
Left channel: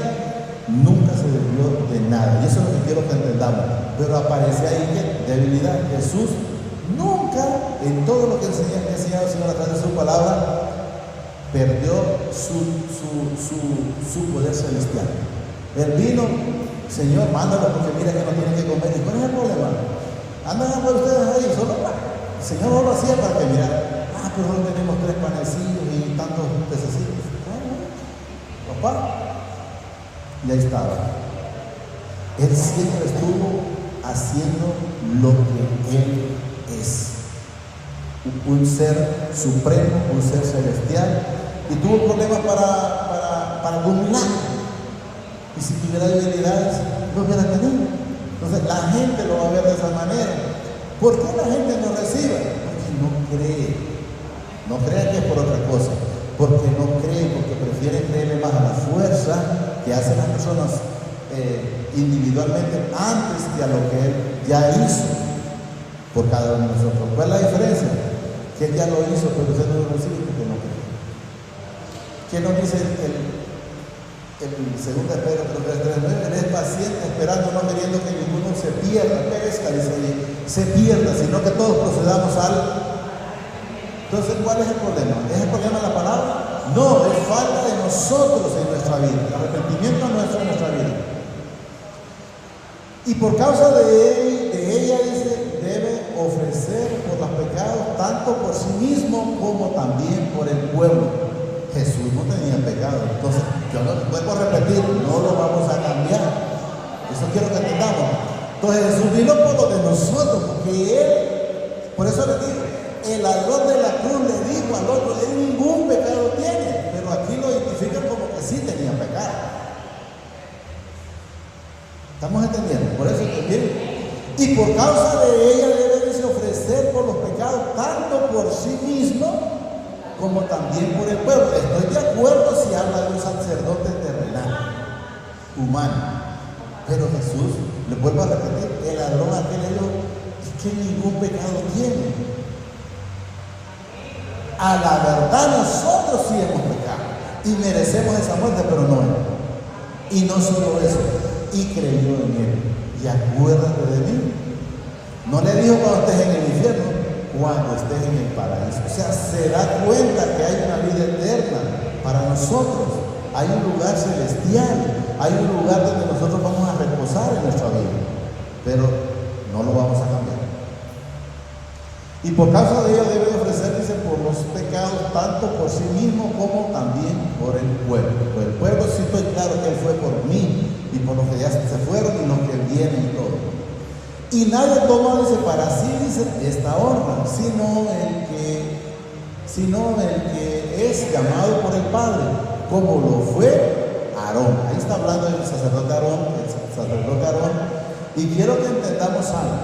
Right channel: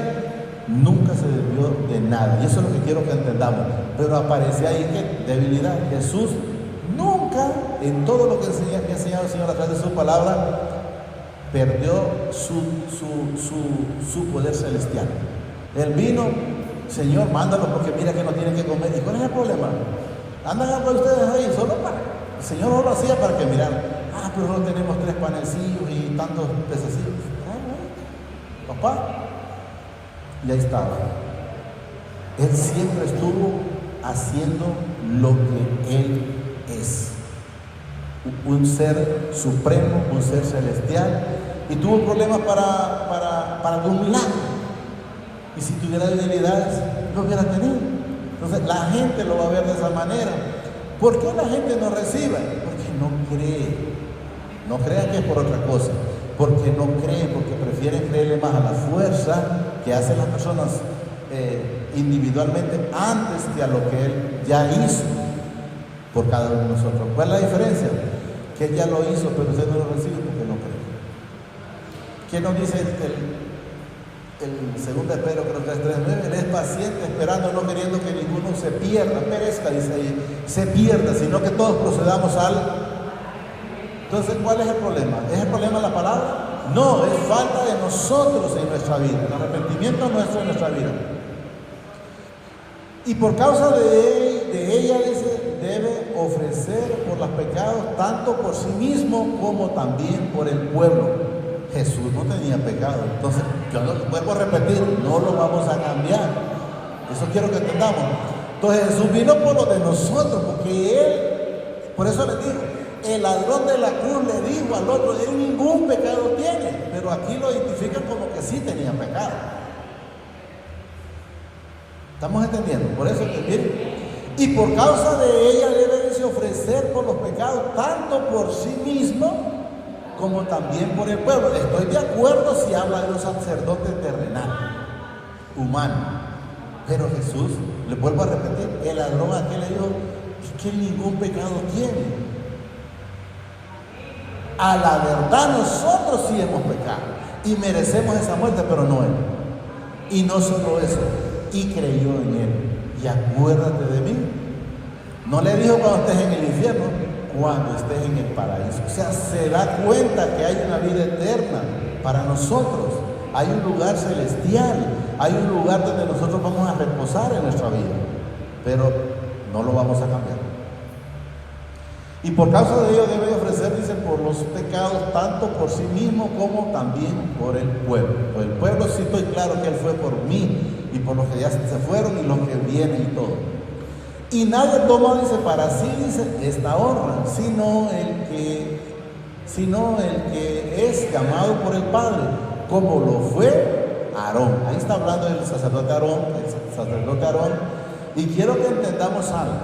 nunca se sirvió de nada. Y eso es lo que quiero que entendamos. Pero aparece ahí que debilidad. Jesús nunca, en todo lo que enseña el Señor a través de su palabra, perdió su poder celestial. Él vino, Señor, mándalo porque mira que no tiene que comer. ¿Y cuál es el problema? Andan a por ustedes ahí, solo para. El Señor no lo hacía para que mirara. Pero no tenemos 3 panecillos y tantos pececitos. Papá, ya estaba. Él siempre estuvo haciendo lo que Él es. Un ser supremo, un ser celestial. Y tuvo problemas para acumular. Y si tuviera debilidades, lo hubiera tenido. Entonces la gente lo va a ver de esa manera. ¿Por qué la gente no recibe? Porque no cree. No crean que es por otra cosa, porque no creen, porque prefieren creerle más a la fuerza que hacen las personas individualmente antes que a lo que Él ya hizo por cada uno de nosotros. ¿Cuál es la diferencia? Que Él ya lo hizo, pero usted no lo recibe porque no cree. ¿Qué nos dice el segundo Pedro 3:3? Él es paciente, esperando, no queriendo que ninguno se pierda, perezca, dice ahí, se pierda, sino que todos procedamos al. Entonces, ¿cuál es el problema? ¿Es el problema de la palabra? No, es falta de nosotros en nuestra vida. El arrepentimiento nuestro en nuestra vida. Y por causa de ella, dice, debe ofrecer por los pecados tanto por sí mismo como también por el pueblo. Jesús no tenía pecado. Entonces, yo no vuelvo a repetir, no lo vamos a cambiar. Eso quiero que entendamos. Entonces, Jesús vino por lo de nosotros, porque Él, por eso les digo, el ladrón de la cruz le dijo al otro, él ningún pecado tiene, pero aquí lo identifican como que sí tenía pecado. ¿Estamos entendiendo? Por eso también. Y por causa de ella debe ofrecer por los pecados, tanto por sí mismo como también por el pueblo. Estoy de acuerdo si habla de un sacerdote terrenal, humano. Pero Jesús, le vuelvo a repetir, el ladrón aquel le dijo, es que ningún pecado tiene. A la verdad nosotros sí hemos pecado y merecemos esa muerte, pero no Él. Y no solo eso, y creyó en Él. Y acuérdate de mí. No le dijo cuando estés en el infierno, cuando estés en el paraíso. O sea, se da cuenta que hay una vida eterna para nosotros. Hay un lugar celestial, hay un lugar donde nosotros vamos a reposar en nuestra vida, pero no lo vamos a cambiar. Y por causa de ello debe ofrecer, dice, por los pecados, tanto por sí mismo como también por el pueblo. Por el pueblo sí estoy claro que Él fue por mí y por los que ya se fueron y los que vienen y todo. Y nadie toma, dice, para sí, dice, esta honra, sino el que es llamado por el Padre, como lo fue Aarón. Ahí está hablando del sacerdote Aarón, y quiero que entendamos algo.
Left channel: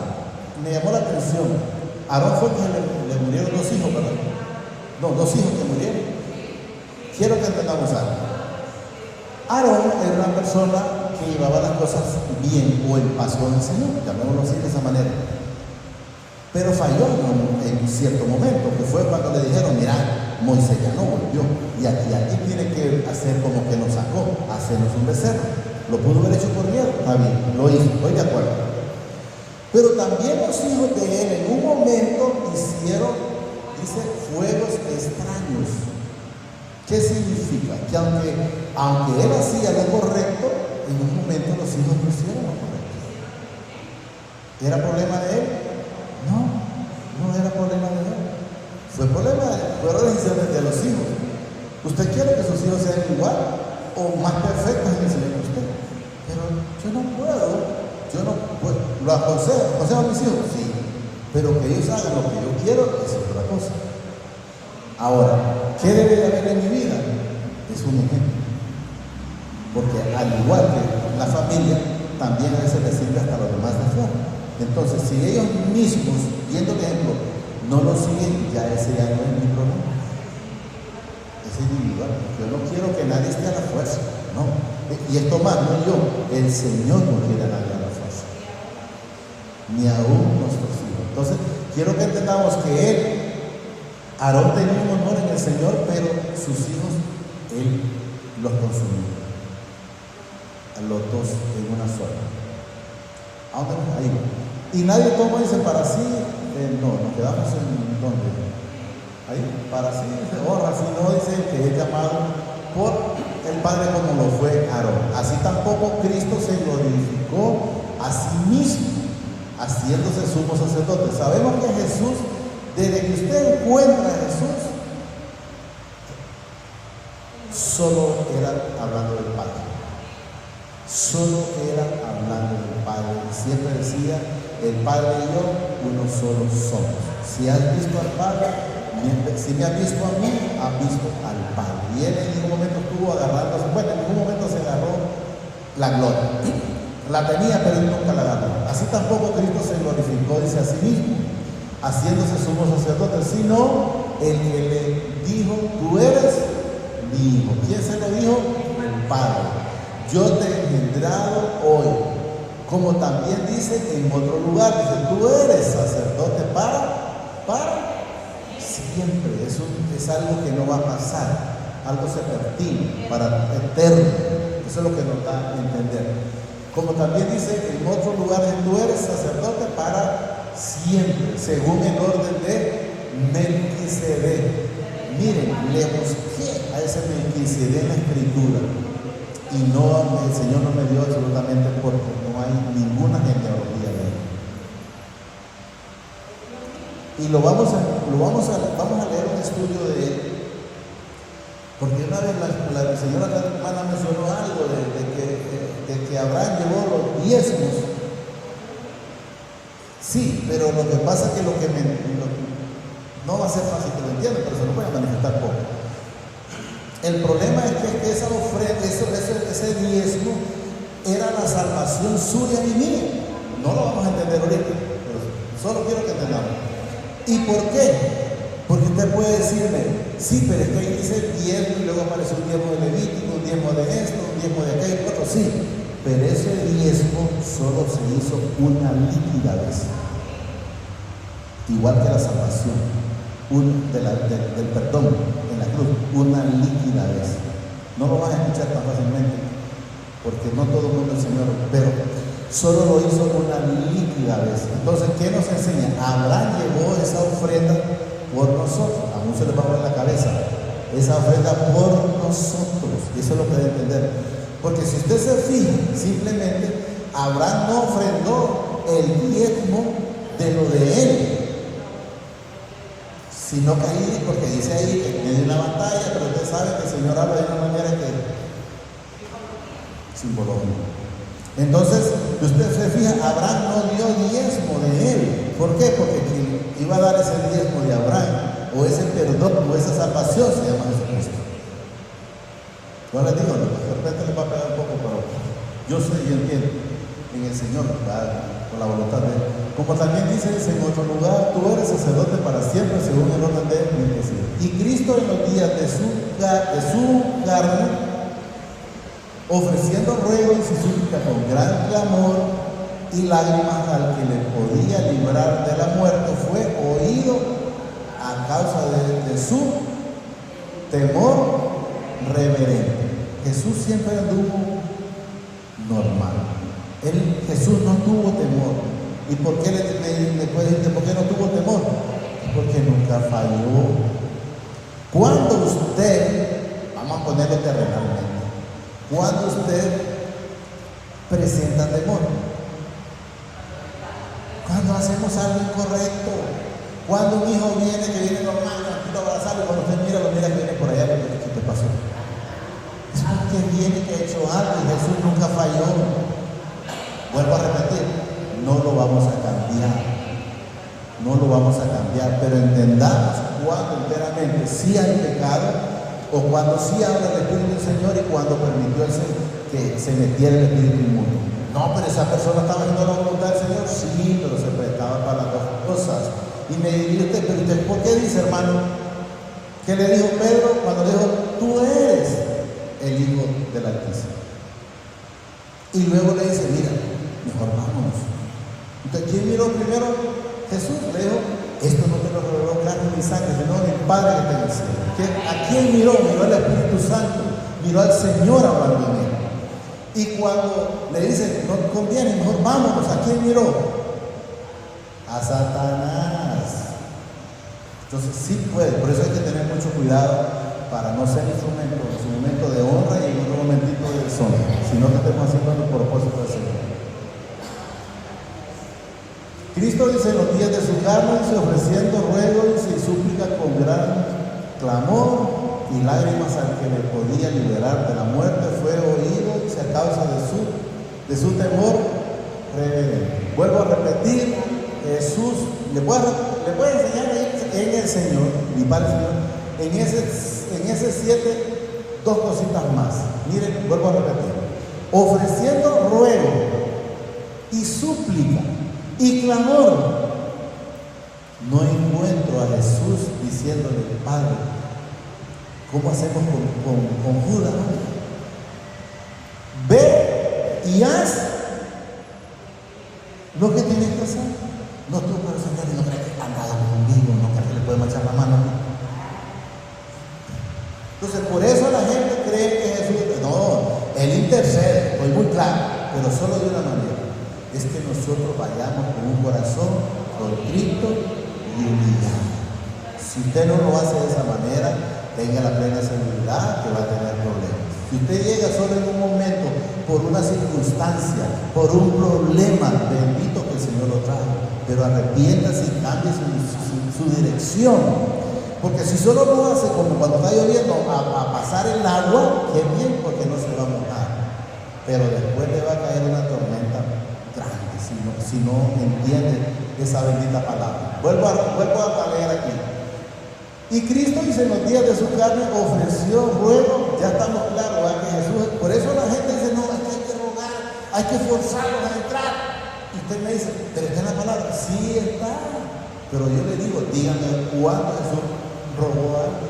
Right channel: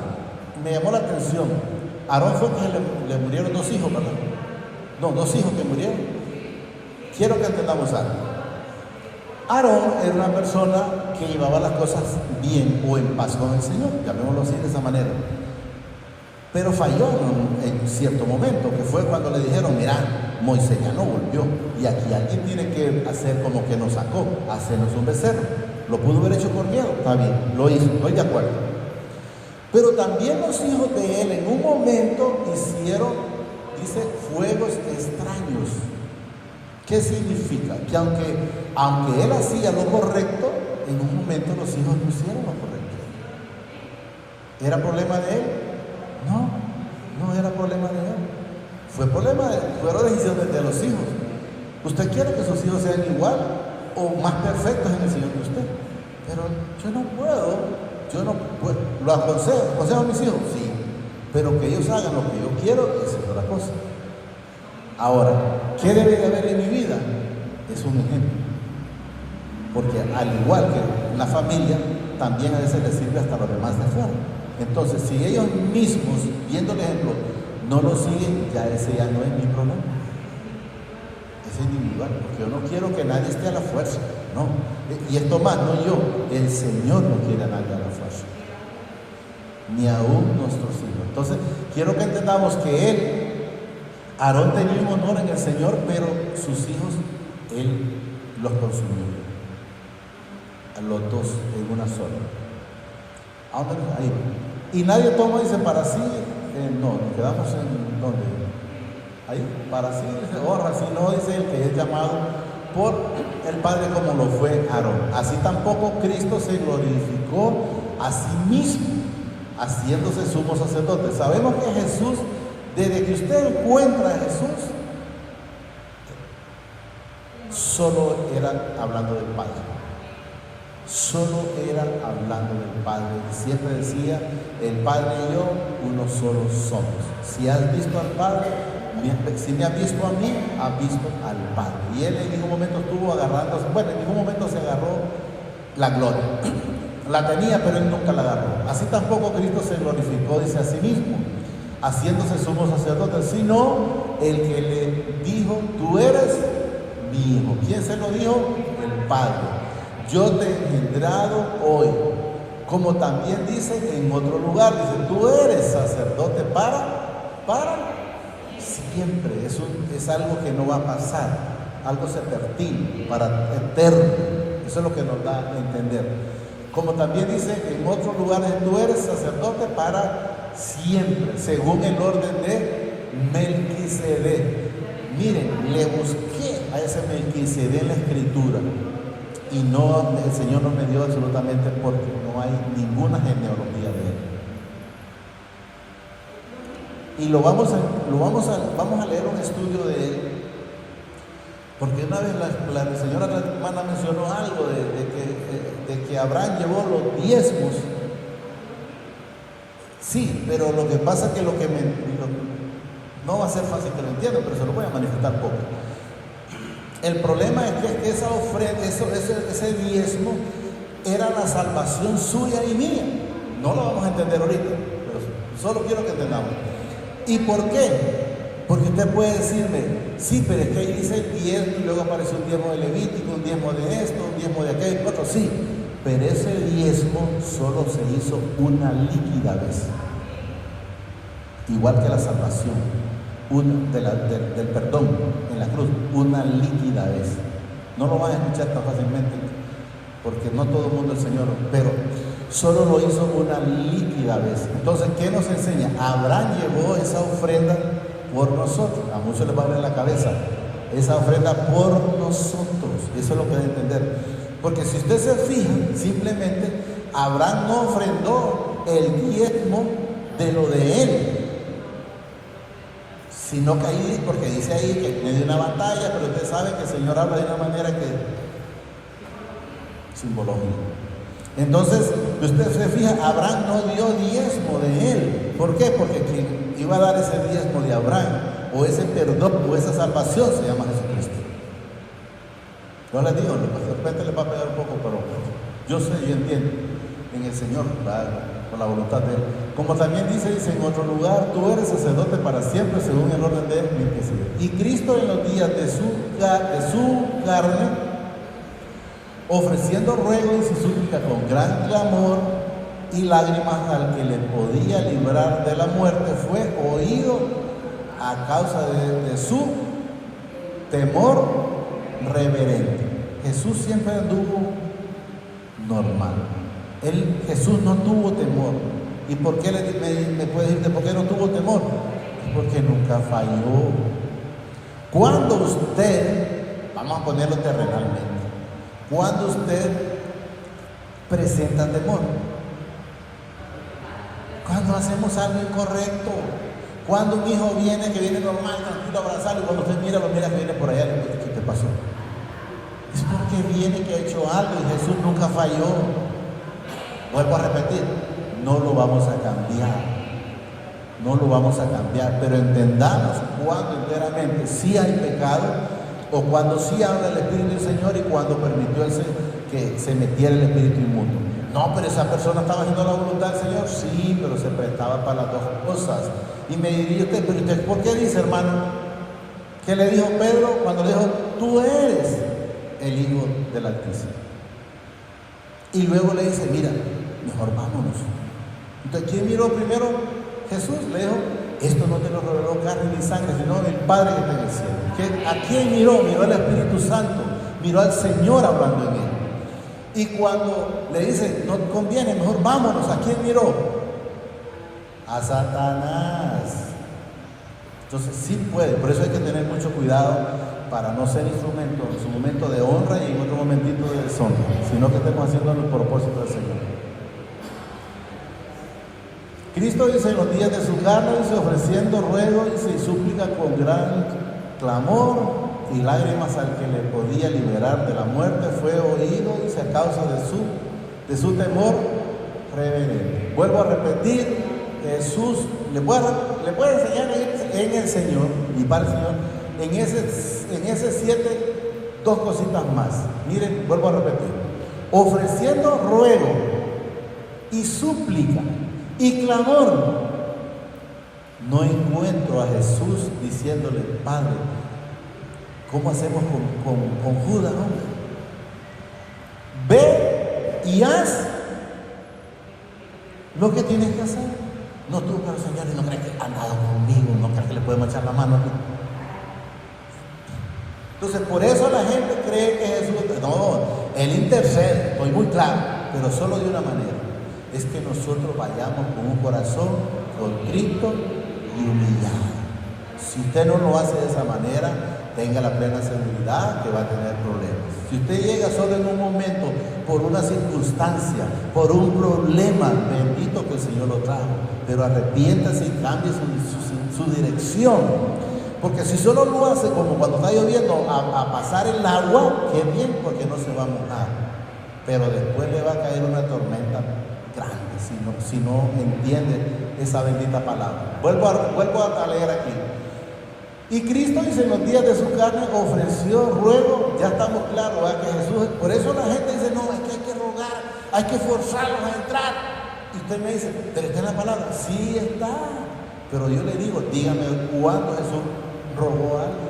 Me llamó la atención. Aarón fue quien le murieron 2 hijos, ¿verdad? No, 2 hijos que murieron. Quiero que entendamos algo. Aarón era una persona que llevaba las cosas bien o en paz con el Señor, llamémoslo así de esa manera. Pero falló en un cierto momento, que fue cuando le dijeron, mira, Moisés ya no volvió, y aquí alguien tiene que hacer como que nos sacó, hacernos un becerro. Lo pudo haber hecho por miedo, está bien, lo hizo, estoy de acuerdo. Pero también los hijos de él en un momento hicieron, dice, fuegos extraños. ¿Qué significa? Que aunque él hacía lo correcto, en un momento los hijos no hicieron lo correcto. ¿Era problema de él? No era problema de él. Fue problema de él. Fueron decisiones de los hijos. ¿Usted quiere que sus hijos sean igual o más perfectos en el Señor que usted? Pero yo no puedo. Lo aconsejo a mis hijos, sí, pero que ellos hagan lo que yo quiero, esa es otra cosa. Ahora, ¿qué debe de haber en mi vida? Es un ejemplo. Porque al igual que una familia, también a veces les sirve hasta los demás de fuera. Entonces, si ellos mismos, viendo el ejemplo, no lo siguen, ya ese ya no es mi problema. Es individual. Yo no quiero que nadie esté a la fuerza, no. Y esto más, no yo, el Señor no quiere a nadie a la fuerza, ni aún nuestros hijos. Entonces, quiero que entendamos que Aarón tenía un honor en el Señor, pero sus hijos, él los consumió. a los dos en una sola. Vámonos ahí. Y nadie toma y dice para sí, no, nos quedamos en donde. Ahí, para sí, dice, si no dice el que es llamado por el Padre como lo fue Aarón. Así tampoco Cristo se glorificó a sí mismo, haciéndose sumo sacerdote. Sabemos que Jesús, desde que usted encuentra a Jesús, solo era hablando del Padre. Solo era hablando del Padre. Siempre decía, el Padre y yo, uno solo somos. Si has visto al Padre, si me has visto a mí, has visto al Padre. Y él en ningún momento estuvo agarrando, bueno, en ningún momento se agarró la gloria. La tenía, pero él nunca la agarró. Así tampoco Cristo se glorificó, dice, a sí mismo, haciéndose sumo sacerdote, sino el que le dijo, tú eres mi hijo. ¿Quién se lo dijo? El Padre. Yo te he engendrado hoy. Como también dice en otro lugar, dice, tú eres sacerdote para siempre. Es algo que no va a pasar, algo sepertino, para eterno. Eso es lo que nos da a entender. Como también dice en otro lugar, tú eres sacerdote para siempre, según el orden de Melquisedec. Miren, le busqué a ese Melquisedec en la escritura y no, el Señor no me dio absolutamente porque no hay ninguna genealogía de él. Y vamos a leer un estudio de él, porque una vez la señora hermana mencionó algo de que Abraham llevó los diezmos. Sí, pero lo que pasa es que no va a ser fácil que lo entiendan, pero se lo voy a manifestar poco. El problema es que esa ofrenda, ese diezmo era la salvación suya y mía. No lo vamos a entender ahorita, solo quiero que entendamos. ¿Y por qué? Porque usted puede decirme, sí, pero es que ahí dice el diezmo y luego aparece un diezmo de Levítico, un diezmo de esto, un diezmo de aquello, otro, sí. Pero ese diezmo solo se hizo una líquida vez. Igual que la salvación, del perdón en la cruz, una líquida vez. No lo van a escuchar tan fácilmente, porque no todo el mundo es Señor, pero solo lo hizo una líquida vez. Entonces, ¿qué nos enseña? Abraham llevó esa ofrenda por nosotros. A muchos les va a ver la cabeza. Esa ofrenda por nosotros. Eso es lo que debe entender. Porque si usted se fija, simplemente Abraham no ofrendó el diezmo de lo de él, sino que ahí, porque dice ahí que tiene una batalla, pero usted sabe que el Señor habla de una manera que simbológica. Entonces, usted se fija, Abraham no dio diezmo de él. ¿Por qué? Porque quien iba a dar ese diezmo de Abraham, o ese perdón, o esa salvación, se llama Jesucristo. No les digo, de repente les va a pegar un poco, pero yo sé y entiendo en el Señor, con la voluntad de Él. Como también dice en otro lugar, tú eres sacerdote para siempre, según el orden de Melquisedec. Y Cristo en los días de su carne, ofreciendo ruegos y súplicas con gran clamor y lágrimas al que le podía librar de la muerte, fue oído a causa de su temor reverente. Jesús siempre anduvo normal. Jesús no tuvo temor. ¿Y por qué le puede decir por qué no tuvo temor? Porque nunca falló. Cuando usted, vamos a ponerle terrenalmente, cuando usted presenta temor, cuando hacemos algo incorrecto, cuando un hijo viene normal, tranquilo, abrazado, y cuando usted mira, que viene por allá, ¿qué te pasó? Es porque viene que ha hecho algo y Jesús nunca falló. Vuelvo a repetir, no lo vamos a cambiar. No lo vamos a cambiar, pero entendamos cuando enteramente sí hay pecado, o cuando sí habla el Espíritu del Señor y cuando permitió que se metiera el Espíritu inmundo. No, pero esa persona estaba haciendo la voluntad del Señor, sí, pero se prestaba para las dos cosas. Y me diría usted, pero usted, ¿por qué dice, hermano? ¿Qué le dijo Pedro cuando le dijo, tú eres el Hijo del Altísimo? Y luego le dice, mira, mejor vámonos. Entonces, ¿quién miró primero? Jesús le dijo, esto no te lo reveló carne ni sangre, sino el Padre que te en el cielo. ¿A quién miró? Miró al Espíritu Santo, miró al Señor hablando en él. Y cuando le dice, no conviene, mejor vámonos, ¿a quién miró? A Satanás. Entonces sí puede, por eso hay que tener mucho cuidado para no ser instrumento en su momento de honra y en otro momentito de deshonra, sino que estemos haciendo el propósito del Señor. Cristo dice en los días de su carne, dice, ofreciendo ruegos y súplica con gran clamor y lágrimas al que le podía liberar de la muerte, fue oído y a causa de su temor reverente. Vuelvo a repetir, Jesús, le puedo enseñar en el Señor, y para el Señor, en ese 7, 2 cositas más. Miren, vuelvo a repetir, ofreciendo ruego y súplica y clamor. No encuentro a Jesús diciéndole, Padre, ¿cómo hacemos con Judas? Ve y haz lo que tienes que hacer. No tú, pero Señor, no crees que anda conmigo, no crees que le podemos echar la mano a mí. Entonces, por eso la gente cree que Jesús, no, Él intercede, estoy muy claro, pero solo de una manera. Es que nosotros vayamos con un corazón contrito y humillado. Si usted no lo hace de esa manera, tenga la plena seguridad que va a tener problemas. Si usted llega solo en un momento, por una circunstancia, por un problema, bendito que el Señor lo trajo, pero arrepiéntase y cambie su dirección. Porque si solo lo hace como cuando está lloviendo a pasar el agua, qué bien, porque no se va a mojar. Pero después le va a caer una tormenta grande si no entiende esa bendita palabra. Vuelvo a leer aquí. Y Cristo dice en los días de su carne ofreció ruego, ya estamos claros, ¿verdad? Que Jesús, por eso la gente dice, no, es que hay que rogar, hay que forzarnos a entrar. Y usted me dice, pero está en la palabra, sí está. Pero yo le digo, dígame cuándo Jesús rogó algo.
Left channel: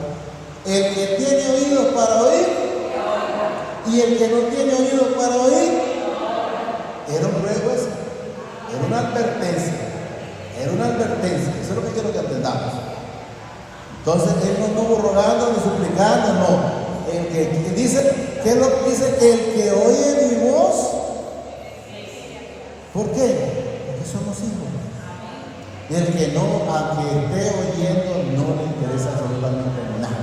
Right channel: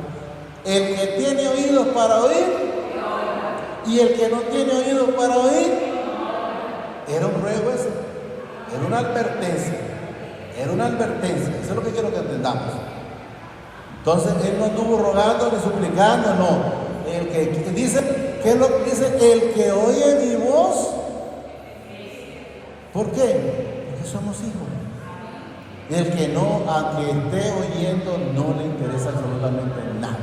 El que tiene oídos para oír y el que no tiene oídos para oír, era un ruego ese, era una advertencia, eso es lo que quiero que entendamos. Entonces Él no estuvo rogando ni suplicando, no. El que dice, ¿qué es lo que dice? El que oye mi voz. ¿Por qué? Porque somos hijos. Y el que no, aunque esté oyendo, no le interesa absolutamente nada.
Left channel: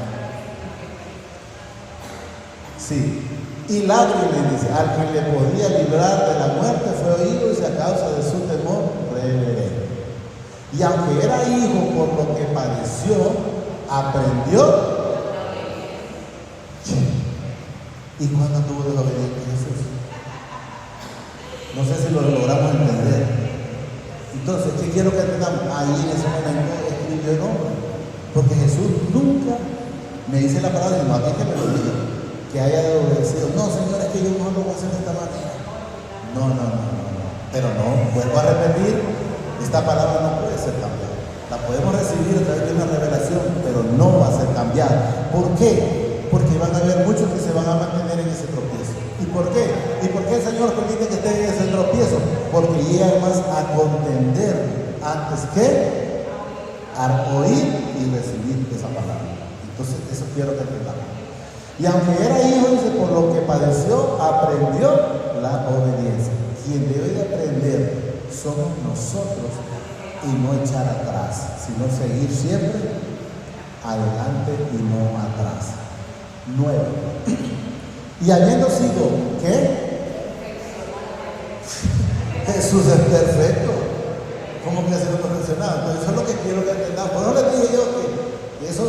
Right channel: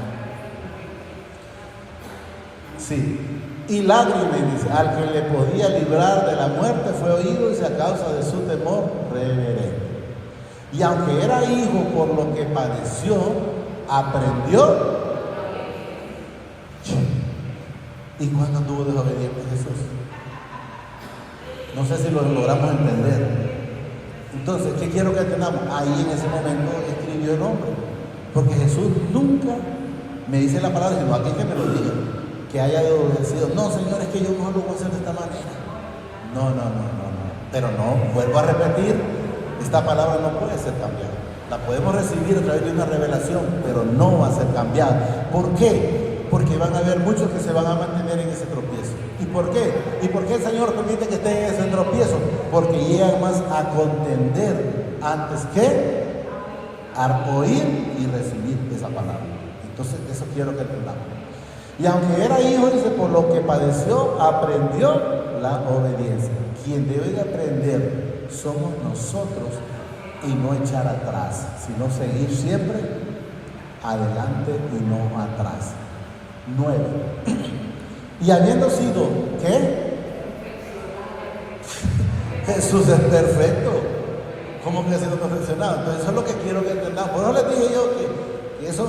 Sí. Y lágrimas, dice, al que le podía librar de la muerte fue oído y a causa de su temor reverente. Y aunque era hijo por lo que padeció, aprendió. ¿Y cuándo tuvo desobediente Jesús? No sé si lo logramos entender. Entonces, ¿qué quiero que entendamos? Ahí en ese momento escribió el nombre. Porque Jesús nunca me dice la palabra, no aquí que me lo diga, que haya obedecido. No, Señor, es que yo no lo voy a hacer de esta manera. No. Pero no, vuelvo a repetir, esta palabra no puede ser cambiada. La podemos recibir a través de una revelación, pero no va a ser cambiada. ¿Por qué? Porque van a haber muchos que se van a mantener en ese tropiezo. ¿Y por qué? ¿Y por qué el Señor permite que estén en ese tropiezo? Porque llegan más a contender antes que a oír y recibir esa palabra. Entonces, eso quiero que entendamos. Y aunque era hijo, dice, por lo que padeció, aprendió la obediencia. Quien debe de aprender somos nosotros y no echar atrás, sino seguir siempre adelante y no atrás. 9. Y habiendo sido, ¿qué? Jesús es perfecto. ¿Cómo que Jesús es perfeccionado? Entonces eso es lo que quiero que entendamos. Por eso les dije yo que eso,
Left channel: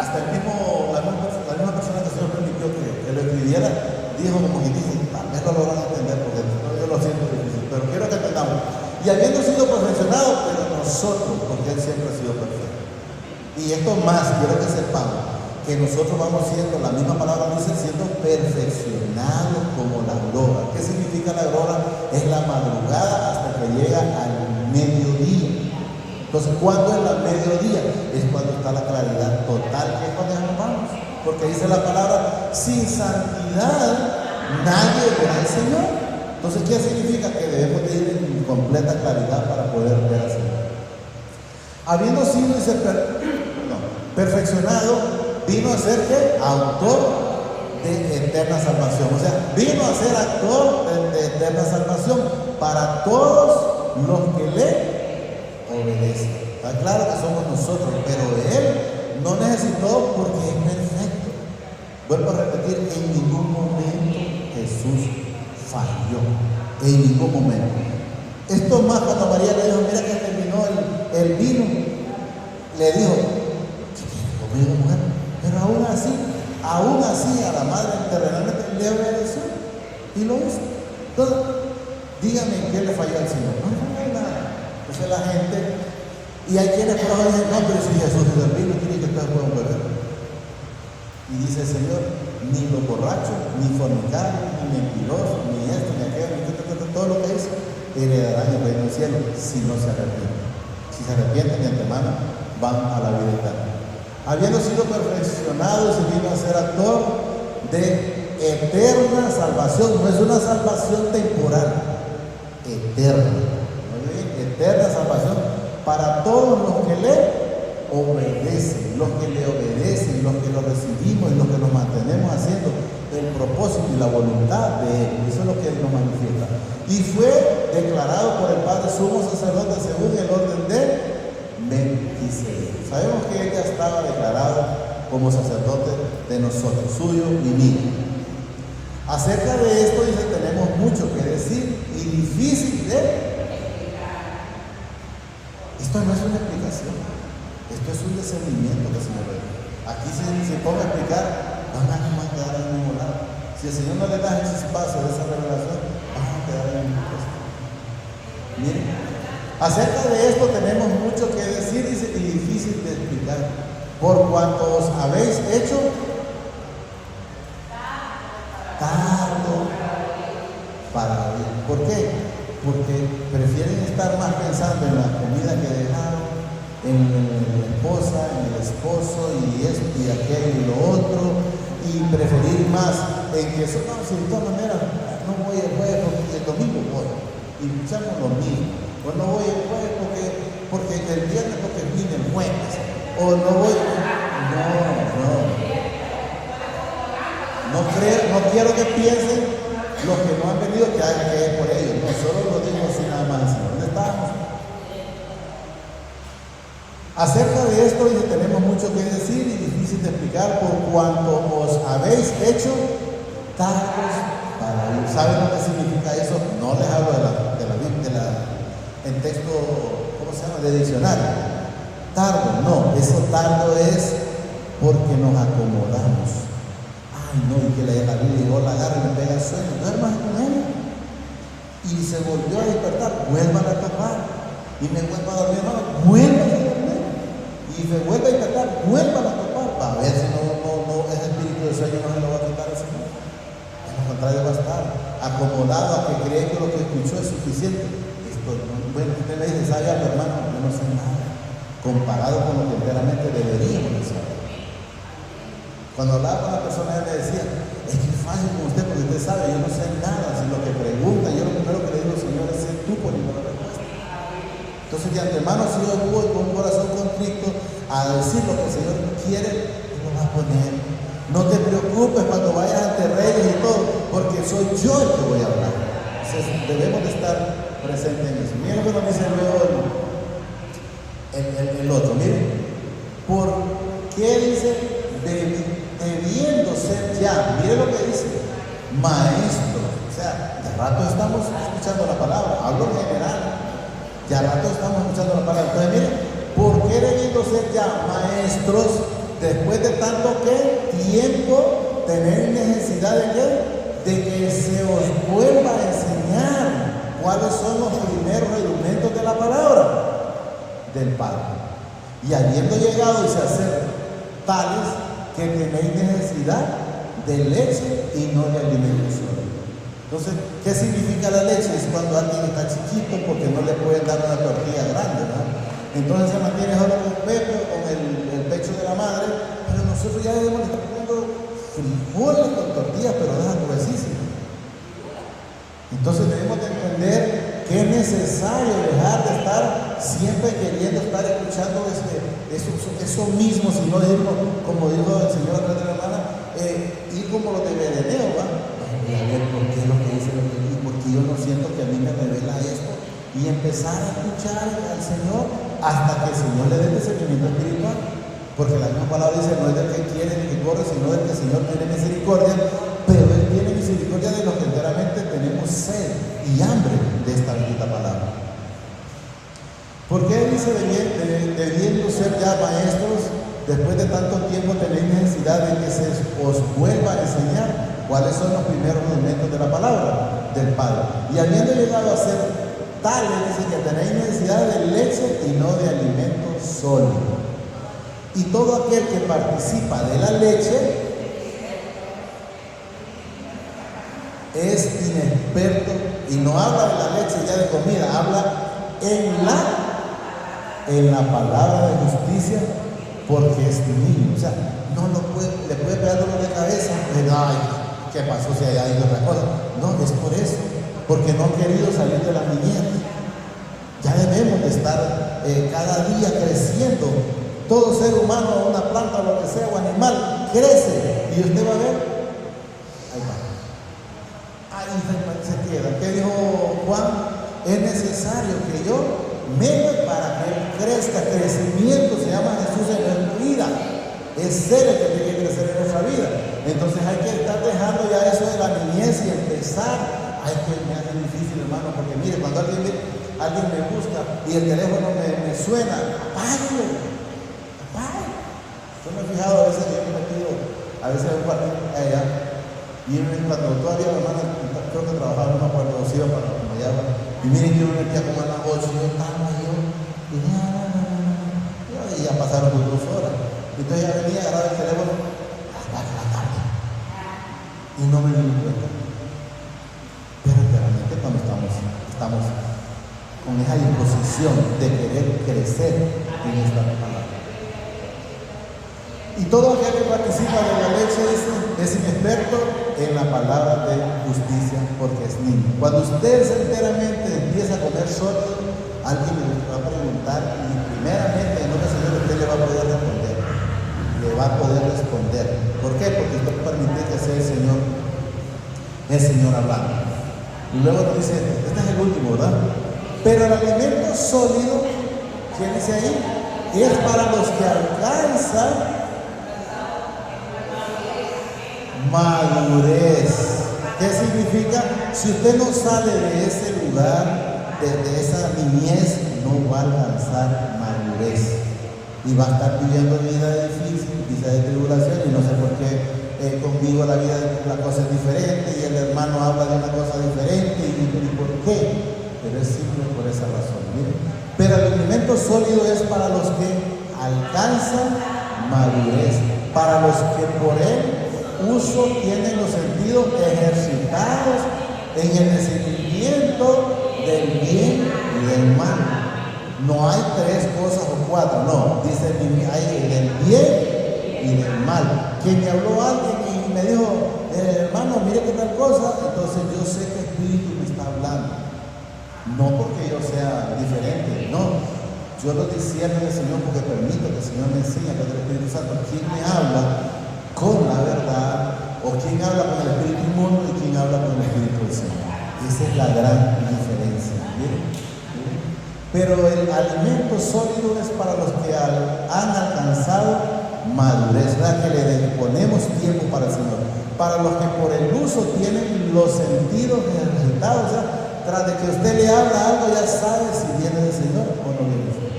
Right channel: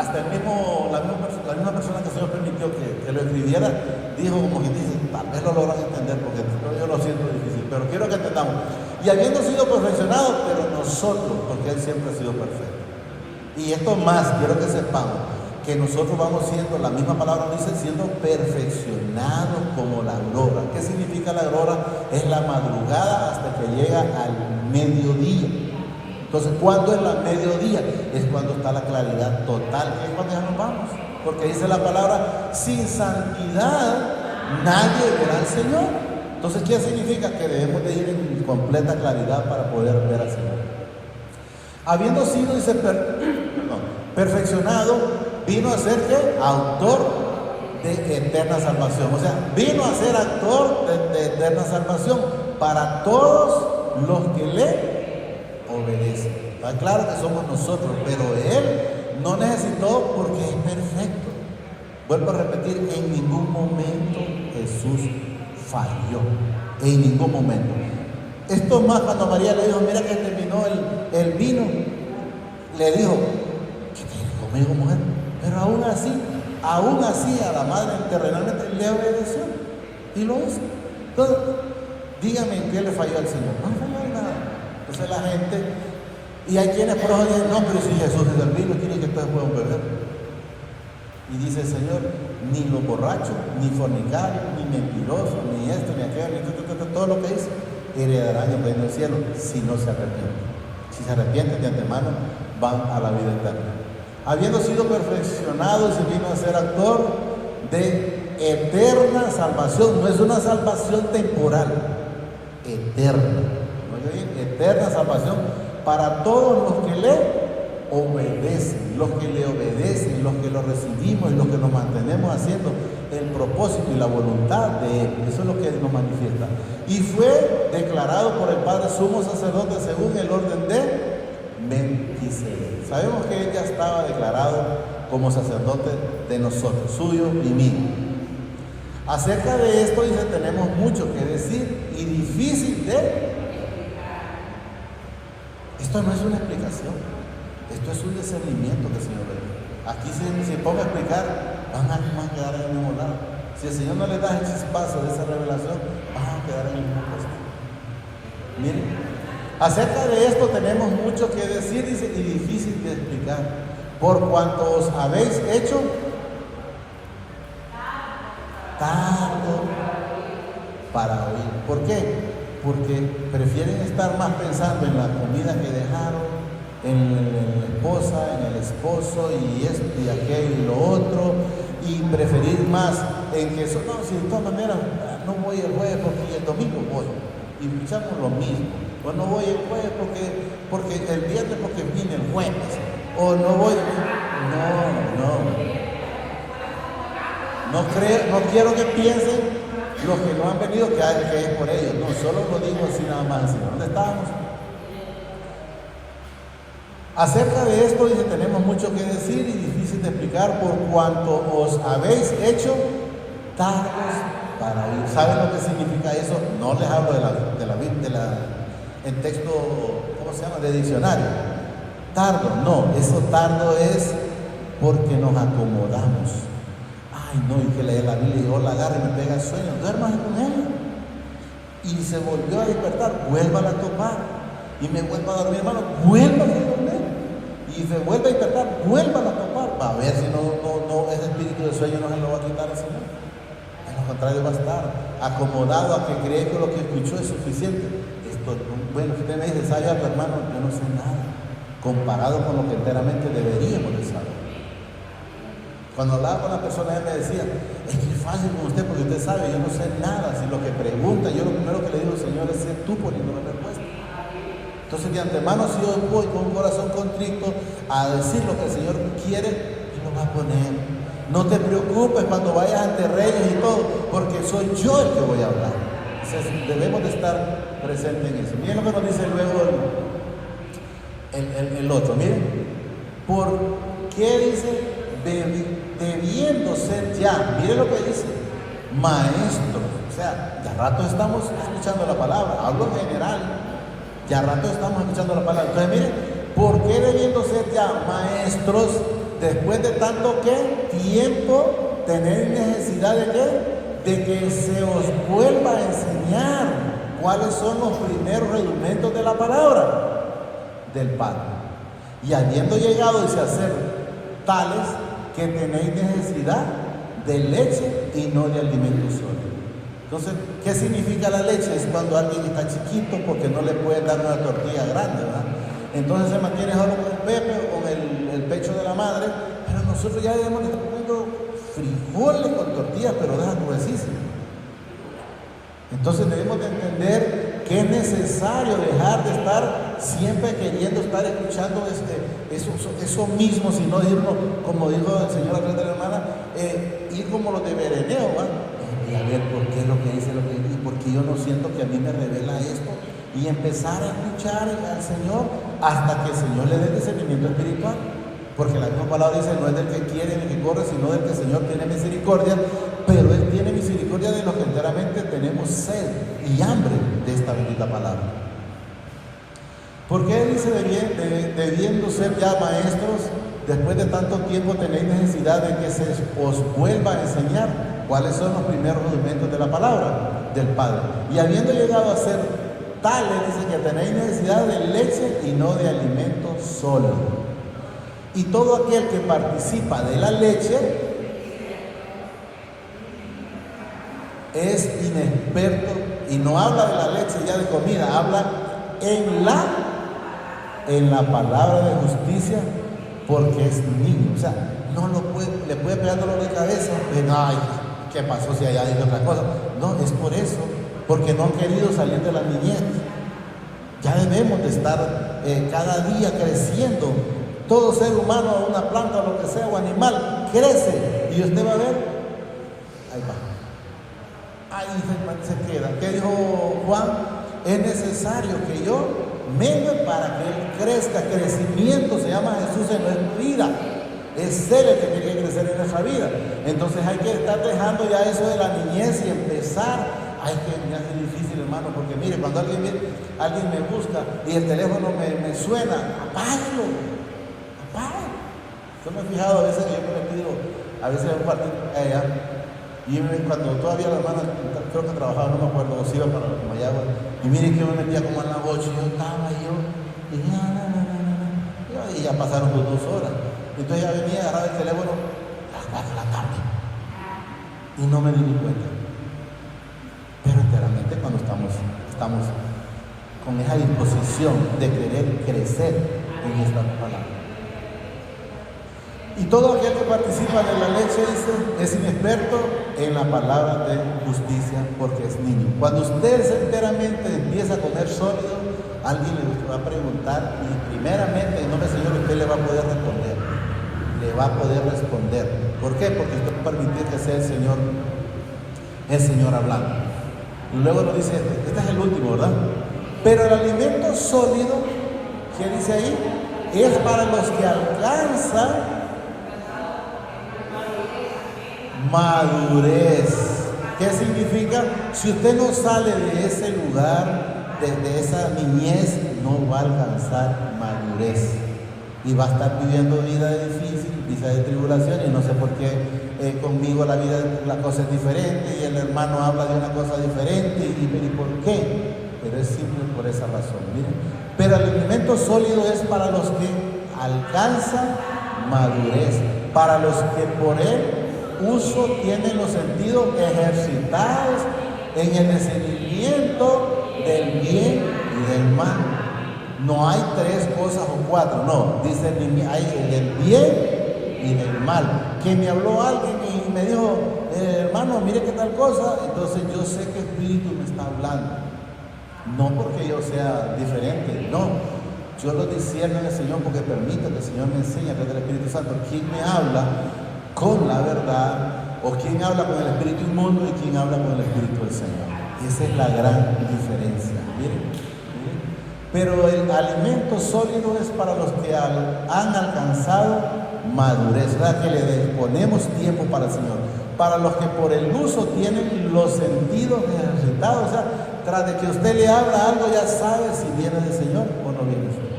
hasta la misma persona que se nos permitió que lo escribiera, dijo como que dice, tal vez lo logran entender, porque yo lo siento difícil, pero quiero que entendamos. Y habiendo sido perfeccionado, pero nosotros, porque Él siempre ha sido perfecto. Y esto más, quiero que sepamos, que nosotros vamos siendo, la misma palabra dice, siendo perfeccionados como la aurora. ¿Qué significa la aurora? Es la madrugada hasta que llega al mediodía. Entonces, ¿cuándo es el mediodía? Es cuando está la claridad total, que es cuando nos vamos. Porque dice la palabra, sin santidad nadie verá al Señor. Entonces, ¿qué significa? Que debemos de ir en completa claridad para poder ver al Señor. Habiendo sido, dice, perfeccionado, vino a ser ¿qué? Autor de eterna salvación. O sea, vino a ser actor de eterna salvación para todos los que le obedecen. Está claro que somos nosotros, pero Él no necesitó porque es perfecto. Vuelvo a repetir, en ningún momento Jesús falló. En ningún momento. Esto más cuando María le dijo, mira que terminó el vino, le dijo, ¿qué tiene conmigo, mujer? Pero aún así a la madre terrenalmente le obedeció y lo hizo. Entonces, dígame en qué le falló al Señor. No hay nada. Esa es la gente. Y hay quienes por eso dicen, no, pero si Jesús es el vino, quiere que todos puedan beber. Y dice el Señor, ni los borrachos, ni fornicarios, ni mentirosos, ni esto, ni aquello, ni todo lo que dice, heredarán el reino del cielo si no se arrepienten. Si se arrepienten de antemano, van a la vida eterna. Habiendo sido perfeccionado, se vino a ser actor de eterna salvación. No es una salvación temporal, eterna. Eterna salvación para todos los que le obedecen, los que le obedecen, los que lo recibimos y los que nos mantenemos haciendo el propósito y la voluntad de Él. Eso es lo que Él nos manifiesta. Y fue declarado por el Padre sumo sacerdote según el orden de Melquisedec. Sabemos que Él ya estaba declarado como sacerdote de nosotros, suyo y mío. Acerca de esto dice, tenemos mucho que decir y difícil de... Esto no es una explicación, esto es un discernimiento que el Señor le da. Aquí si se pone a explicar, van a quedar en el mismo lado. Si el Señor no le da ese espacio de esa revelación, van a quedar en el mismo puesto. Miren, acerca de esto tenemos mucho que decir y difícil de explicar, por cuanto os habéis hecho tardo para oír. ¿Por qué? Porque prefieren estar más pensando en la comida que dejaron, en la esposa, en el esposo, y esto y aquello y lo otro, y preferir más en que eso, no, si de todas maneras no voy el jueves porque el domingo voy, y escuchamos lo mismo, o no voy el jueves porque el viernes porque viene el jueves, o no voy, no quiero que piensen los que no han venido que es por ellos, no solo lo digo así nada más. ¿Dónde estamos? Acerca de esto dice, tenemos mucho que decir y difícil de explicar por cuanto os habéis hecho tardos para oír. ¿Saben lo que significa eso? No les hablo de la Biblia, en texto, ¿cómo se llama? De diccionario. Tardo, no, eso tardo es porque nos acomodamos. Ay, no, y que la Biblia llegó, la agarra y me pega el sueño, duerma con él. Y se volvió a despertar, vuelvan a tocar. Y me vuelvo a dormir, no, vuelvan a dormir. Y me vuelve a despertar, vuelvan a tocar. Para ver si no, ese espíritu de sueño no se lo va a quitar al Señor. Al contrario, va a estar acomodado a que cree que lo que escuchó es suficiente. Esto, bueno, usted me dice, ¿sabe algo, hermano? Yo no sé nada. Comparado con lo que verdaderamente deberíamos de saber. Cuando hablaba con la persona, él me decía, es que es fácil con usted porque usted sabe, yo no sé nada. Si lo que pregunta, yo lo primero que le digo, Señor, es ser tú por la respuesta. Entonces, de antemano, si yo voy con un corazón contrito a decir lo que el Señor quiere, Él lo va a poner. No te preocupes cuando vayas ante reyes y todo, porque soy yo el que voy a hablar. Entonces, debemos de estar presentes en eso. Miren lo que nos dice luego el otro. Miren, ¿por qué dice? Debiendo ser ya, mire lo que dice, maestro. O sea, de rato estamos escuchando la palabra, hablo en general, de rato estamos escuchando la palabra. Entonces, mire, ¿por qué debiendo ser ya maestros después de tanto tiempo tener necesidad de qué? De que se os vuelva a enseñar cuáles son los primeros elementos de la palabra del Padre? Y habiendo llegado a ser tales que tenéis necesidad de leche y no de alimento sólido. Entonces, ¿qué significa la leche? Es cuando alguien está chiquito porque no le pueden dar una tortilla grande, ¿no? Entonces se mantiene solo con el pecho o el pecho de la madre, pero nosotros ya debemos estar comiendo frijoles con tortillas, pero dejan gruesísimas. Entonces debemos de entender que es necesario dejar de estar siempre queriendo estar escuchando eso mismo, si no decimos, como dijo el Señor a través de la hermana, ir como los de Señor hasta que el Señor le dé discernimiento espiritual. Porque la misma palabra dice, no es del que quiere ni que corre, sino del que el Señor tiene misericordia, pero Él tiene misericordia de los que enteramente tenemos sed y hambre de esta bendita palabra. ¿Por qué dice debiendo ser ya maestros, después de tanto tiempo tenéis necesidad de que se os vuelva a enseñar cuáles son los primeros rudimentos de la palabra del Padre? Y habiendo llegado a ser tales, dice que tenéis necesidad de leche y no de alimento sólido. Y todo aquel que participa de la leche es inexperto y no habla de la leche ya de comida, habla en la palabra de justicia, porque es niño. O sea, no lo puede, le puede pegar dolor de cabeza y ay, ¿qué pasó si allá hay otra cosa? No, es por eso, porque no ha querido salir de la niñez. Ya debemos de estar cada día creciendo. Todo ser humano, una planta, o lo que sea, o animal, crece. Y usted va a ver, ahí va. Ahí se queda. ¿Qué dijo Juan? Es necesario que yo mene para que él crezca. Crecimiento se llama Jesús en nuestra vida. Es Él el que tiene que crecer en nuestra vida. Entonces hay que estar dejando ya eso de la niñez y empezar. Ay, que me hace difícil, hermano, porque mire, cuando alguien me busca y el teléfono me suena, págalo. Yo me he fijado a veces, yo me pido, a veces un partido allá, y cuando todavía los hermanos, creo que trabajaban por los iban para allá, y miren que yo me metía como en la 8, yo estaba y ya pasaron por 2 horas. Entonces ya venía, agarraba el teléfono a las 4 de la tarde, y no me di cuenta. Pero realmente cuando estamos con esa disposición de querer crecer en esta palabra. Y todo aquel que participa de la leche es inexperto en la palabra de justicia, porque es niño. Cuando usted enteramente empieza a comer sólido, alguien le va a preguntar y primeramente en nombre del Señor usted le va a poder responder. Le va a poder responder. ¿Por qué? Porque usted permite que sea el Señor hablando. Y luego dice, este es el último, ¿verdad? Pero el alimento sólido, ¿quién dice ahí? Es para los que alcanzan madurez. ¿Qué significa? Si usted no sale de ese lugar, desde esa niñez, no va a alcanzar madurez y va a estar viviendo vida difícil, vida de tribulación. Y no sé por qué conmigo la cosa es diferente y el hermano habla de una cosa diferente y por qué, pero es simple por esa razón. Miren. Pero el alimento sólido es para los que alcanzan madurez, para los que por él uso tienen los sentidos ejercitados en el discernimiento del bien y del mal. No hay 3 cosas o 4, no, dice hay del bien y del mal. Que me habló alguien y me dijo, hermano, mire qué tal cosa, entonces yo sé que Espíritu me está hablando. No porque yo sea diferente, no. Yo lo discierno del Señor porque permito que el Señor me enseñe a través del Espíritu Santo quién me habla con la verdad, o quién habla con el Espíritu inmundo y quién habla con el Espíritu del Señor. Esa es la gran diferencia. ¿Bien? Pero el alimento sólido es para los que han alcanzado madurez, ¿verdad? Que le ponemos tiempo para el Señor. Para los que por el uso tienen los sentidos ejercitados, o sea, tras de que usted le habla algo ya sabe si viene del Señor o no viene del Señor.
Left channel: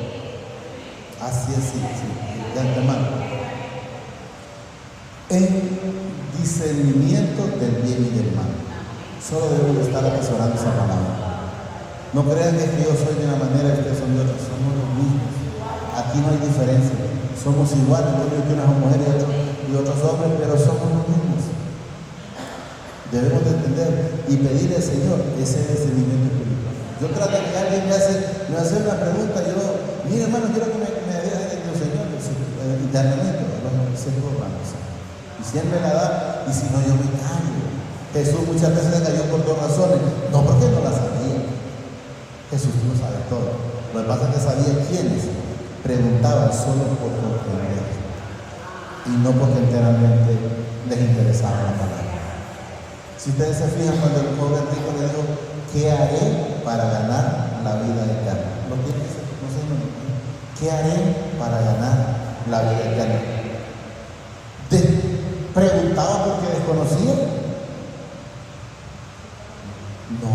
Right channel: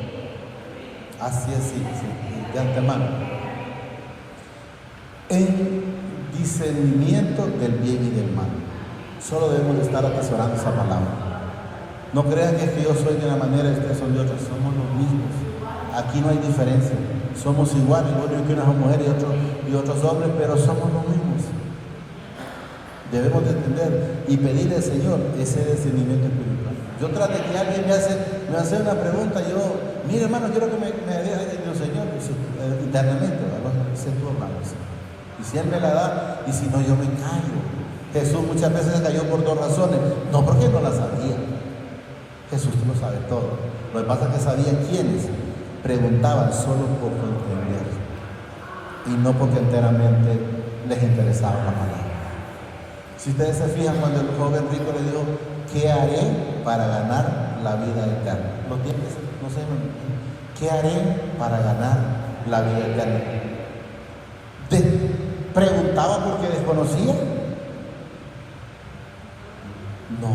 Así es, sí, de antemano. En discernimiento del bien y del mal. Solo debemos estar apasionando esa palabra. No crean que yo soy de una manera y ustedes son de otra. Somos los mismos. Aquí no hay diferencia. Somos iguales. Yo creo que una mujer y otros hombres, pero somos los mismos. Debemos de entender y pedirle al Señor ese discernimiento espiritual. Yo trato de que alguien me hace una pregunta. Yo, mire hermano, quiero que me deje del Señor. Internamente, y siempre la da, y si no, yo me callo. Jesús muchas veces se cayó por 2 razones, no porque no la sabía. Jesús lo sabe todo. Lo que pasa es que sabía quiénes preguntaban solo por comprender y no porque enteramente les interesaba la palabra. Si ustedes se fijan, cuando el joven rico le dijo, ¿qué haré para ganar la vida eterna? ¿Lo tienes? No sé. ¿Qué haré para ganar la vida eterna? ¿Preguntaba porque desconocía? No.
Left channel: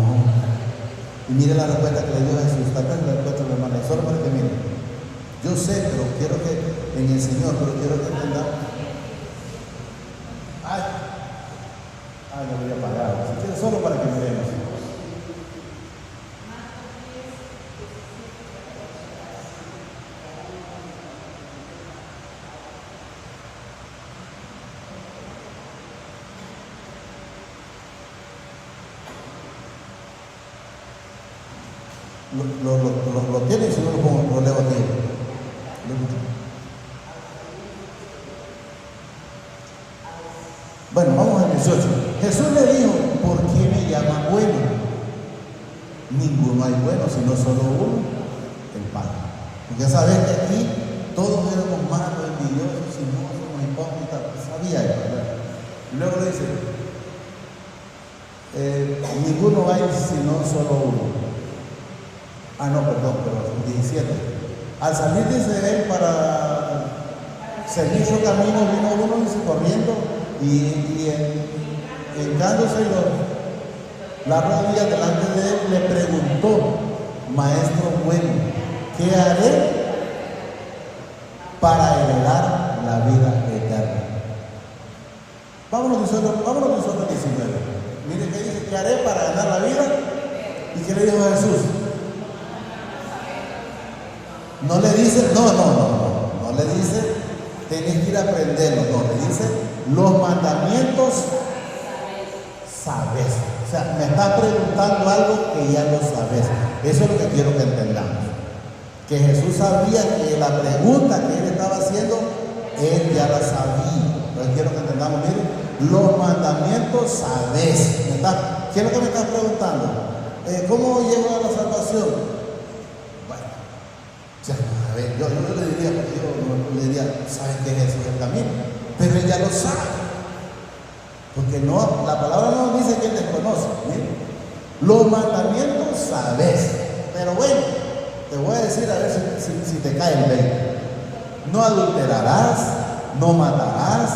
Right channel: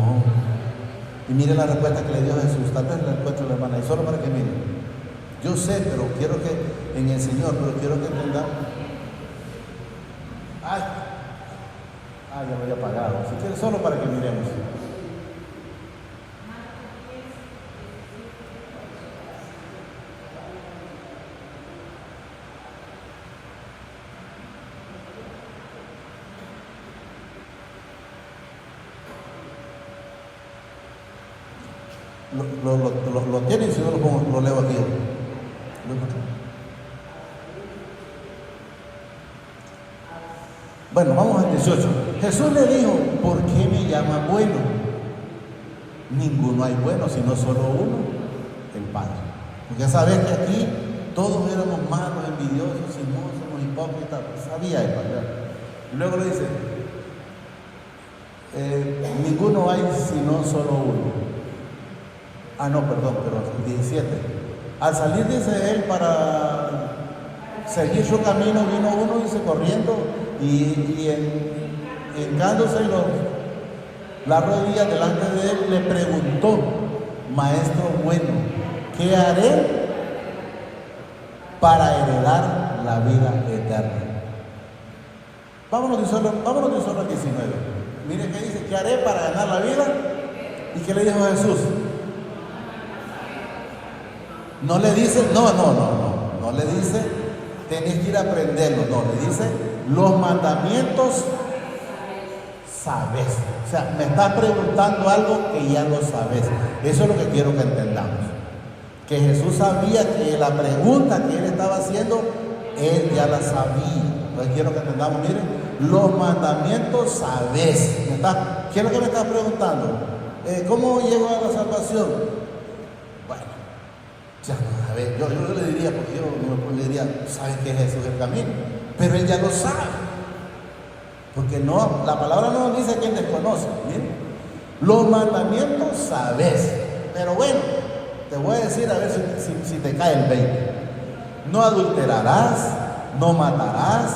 Y mire la respuesta que le dio Jesús. Tal vez le respeto la hermana, solo para que mire. Yo sé, pero quiero que en el Señor, pero quiero que entendamos. Ya voy a pagar. Si quiere, solo para que miremos. Lo tienen, si no lo leo aquí. Bueno, vamos al 18. Jesús le dijo: ¿por qué me llaman bueno? Ninguno hay bueno, sino solo uno, el Padre. Porque sabes que aquí todos éramos malos, envidiosos, chismosos, hipócritas. Sabía él, ¿verdad? Y luego le dice: ninguno hay sino solo uno. Pero 17. Al salir, dice él, para seguir su camino, vino uno, dice, corriendo, y hincándose la rodilla delante de él, le preguntó: Maestro bueno, ¿qué haré para heredar la vida eterna? Vámonos nosotros al 19. Miren qué dice: ¿qué haré para ganar la vida? ¿Y qué le dijo Jesús? No le dice, no le dice, tenés que ir a aprenderlo, no, le dice, los mandamientos sabes. O sea, me está preguntando algo que ya lo sabes. Eso es lo que quiero que entendamos. Que Jesús sabía que la pregunta que él estaba haciendo, él ya la sabía. Hoy quiero que entendamos, miren, los mandamientos sabes. ¿Qué es lo que me estás preguntando? ¿Cómo llego a la salvación? Yo le diría, ¿sabes qué es Jesús el camino? Pero él ya lo sabe. Porque no, la palabra no nos dice que él desconoce. ¿Sí? Los mandamientos sabes. Pero bueno, te voy a decir a ver si te cae el 20. No adulterarás, no matarás,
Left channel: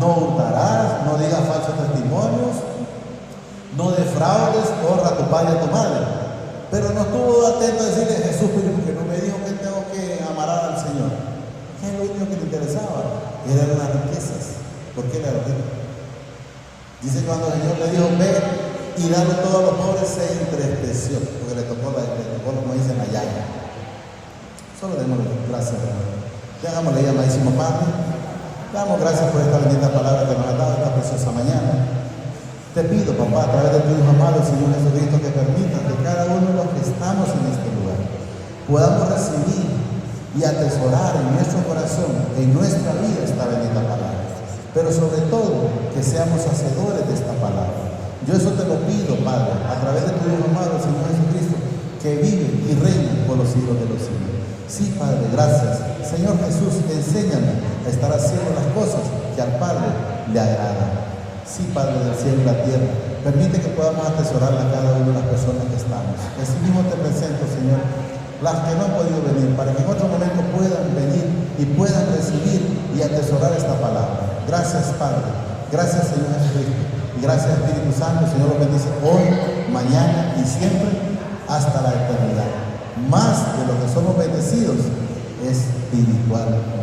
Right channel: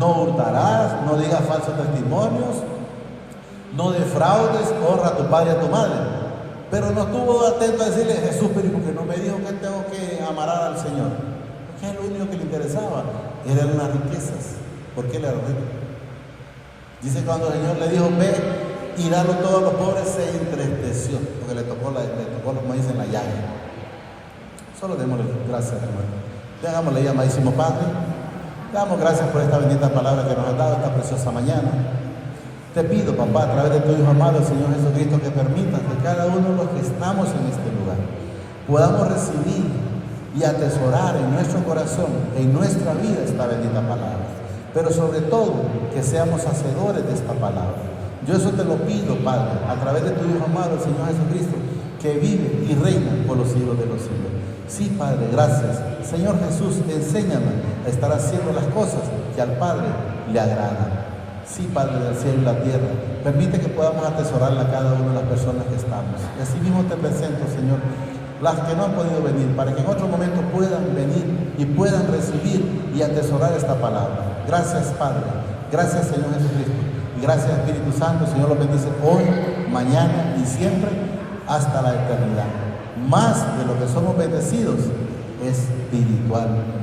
no hurtarás, no digas falsos testimonios, no defraudes, honra a tu padre y a tu madre. Pero no estuvo atento a decirle: Jesús, pero porque no me dijo que tengo que amar al Señor. ¿Qué es lo único que le interesaba? Eran las riquezas. ¿Por qué le riqueza? Dice cuando el Señor le dijo: ve y dale a todos los pobres, se entristeció, porque le tocó, como dicen, la llaga. Solo démosle gracias, Señor. Le damos la amadísimo Padre. Le damos gracias por esta bendita palabra que nos ha dado esta preciosa mañana. Te pido, papá, a través de tu Hijo amado, Señor Jesucristo, que permita que cada uno de los que estamos en este lugar podamos recibir y atesorar en nuestro corazón, en nuestra vida, esta bendita palabra. Pero sobre todo, que seamos hacedores de esta palabra. Yo eso te lo pido, Padre, a través de tu Hijo amado, Señor Jesucristo, que vive y reina por los siglos de los siglos. Sí, Padre, gracias. Señor Jesús, enséñanos a estar haciendo las cosas que al Padre le agradan. Sí, Padre del cielo y la tierra, permite que podamos atesorar a cada una de las personas que estamos. Y así mismo te presento, Señor, las que no han podido venir, para que en otro momento puedan venir y puedan recibir y atesorar esta palabra. Gracias, Padre. Gracias, Señor Jesucristo. Y gracias, Espíritu Santo. Señor, lo bendice hoy, mañana y siempre hasta la eternidad. Más de lo que somos bendecidos es espiritual.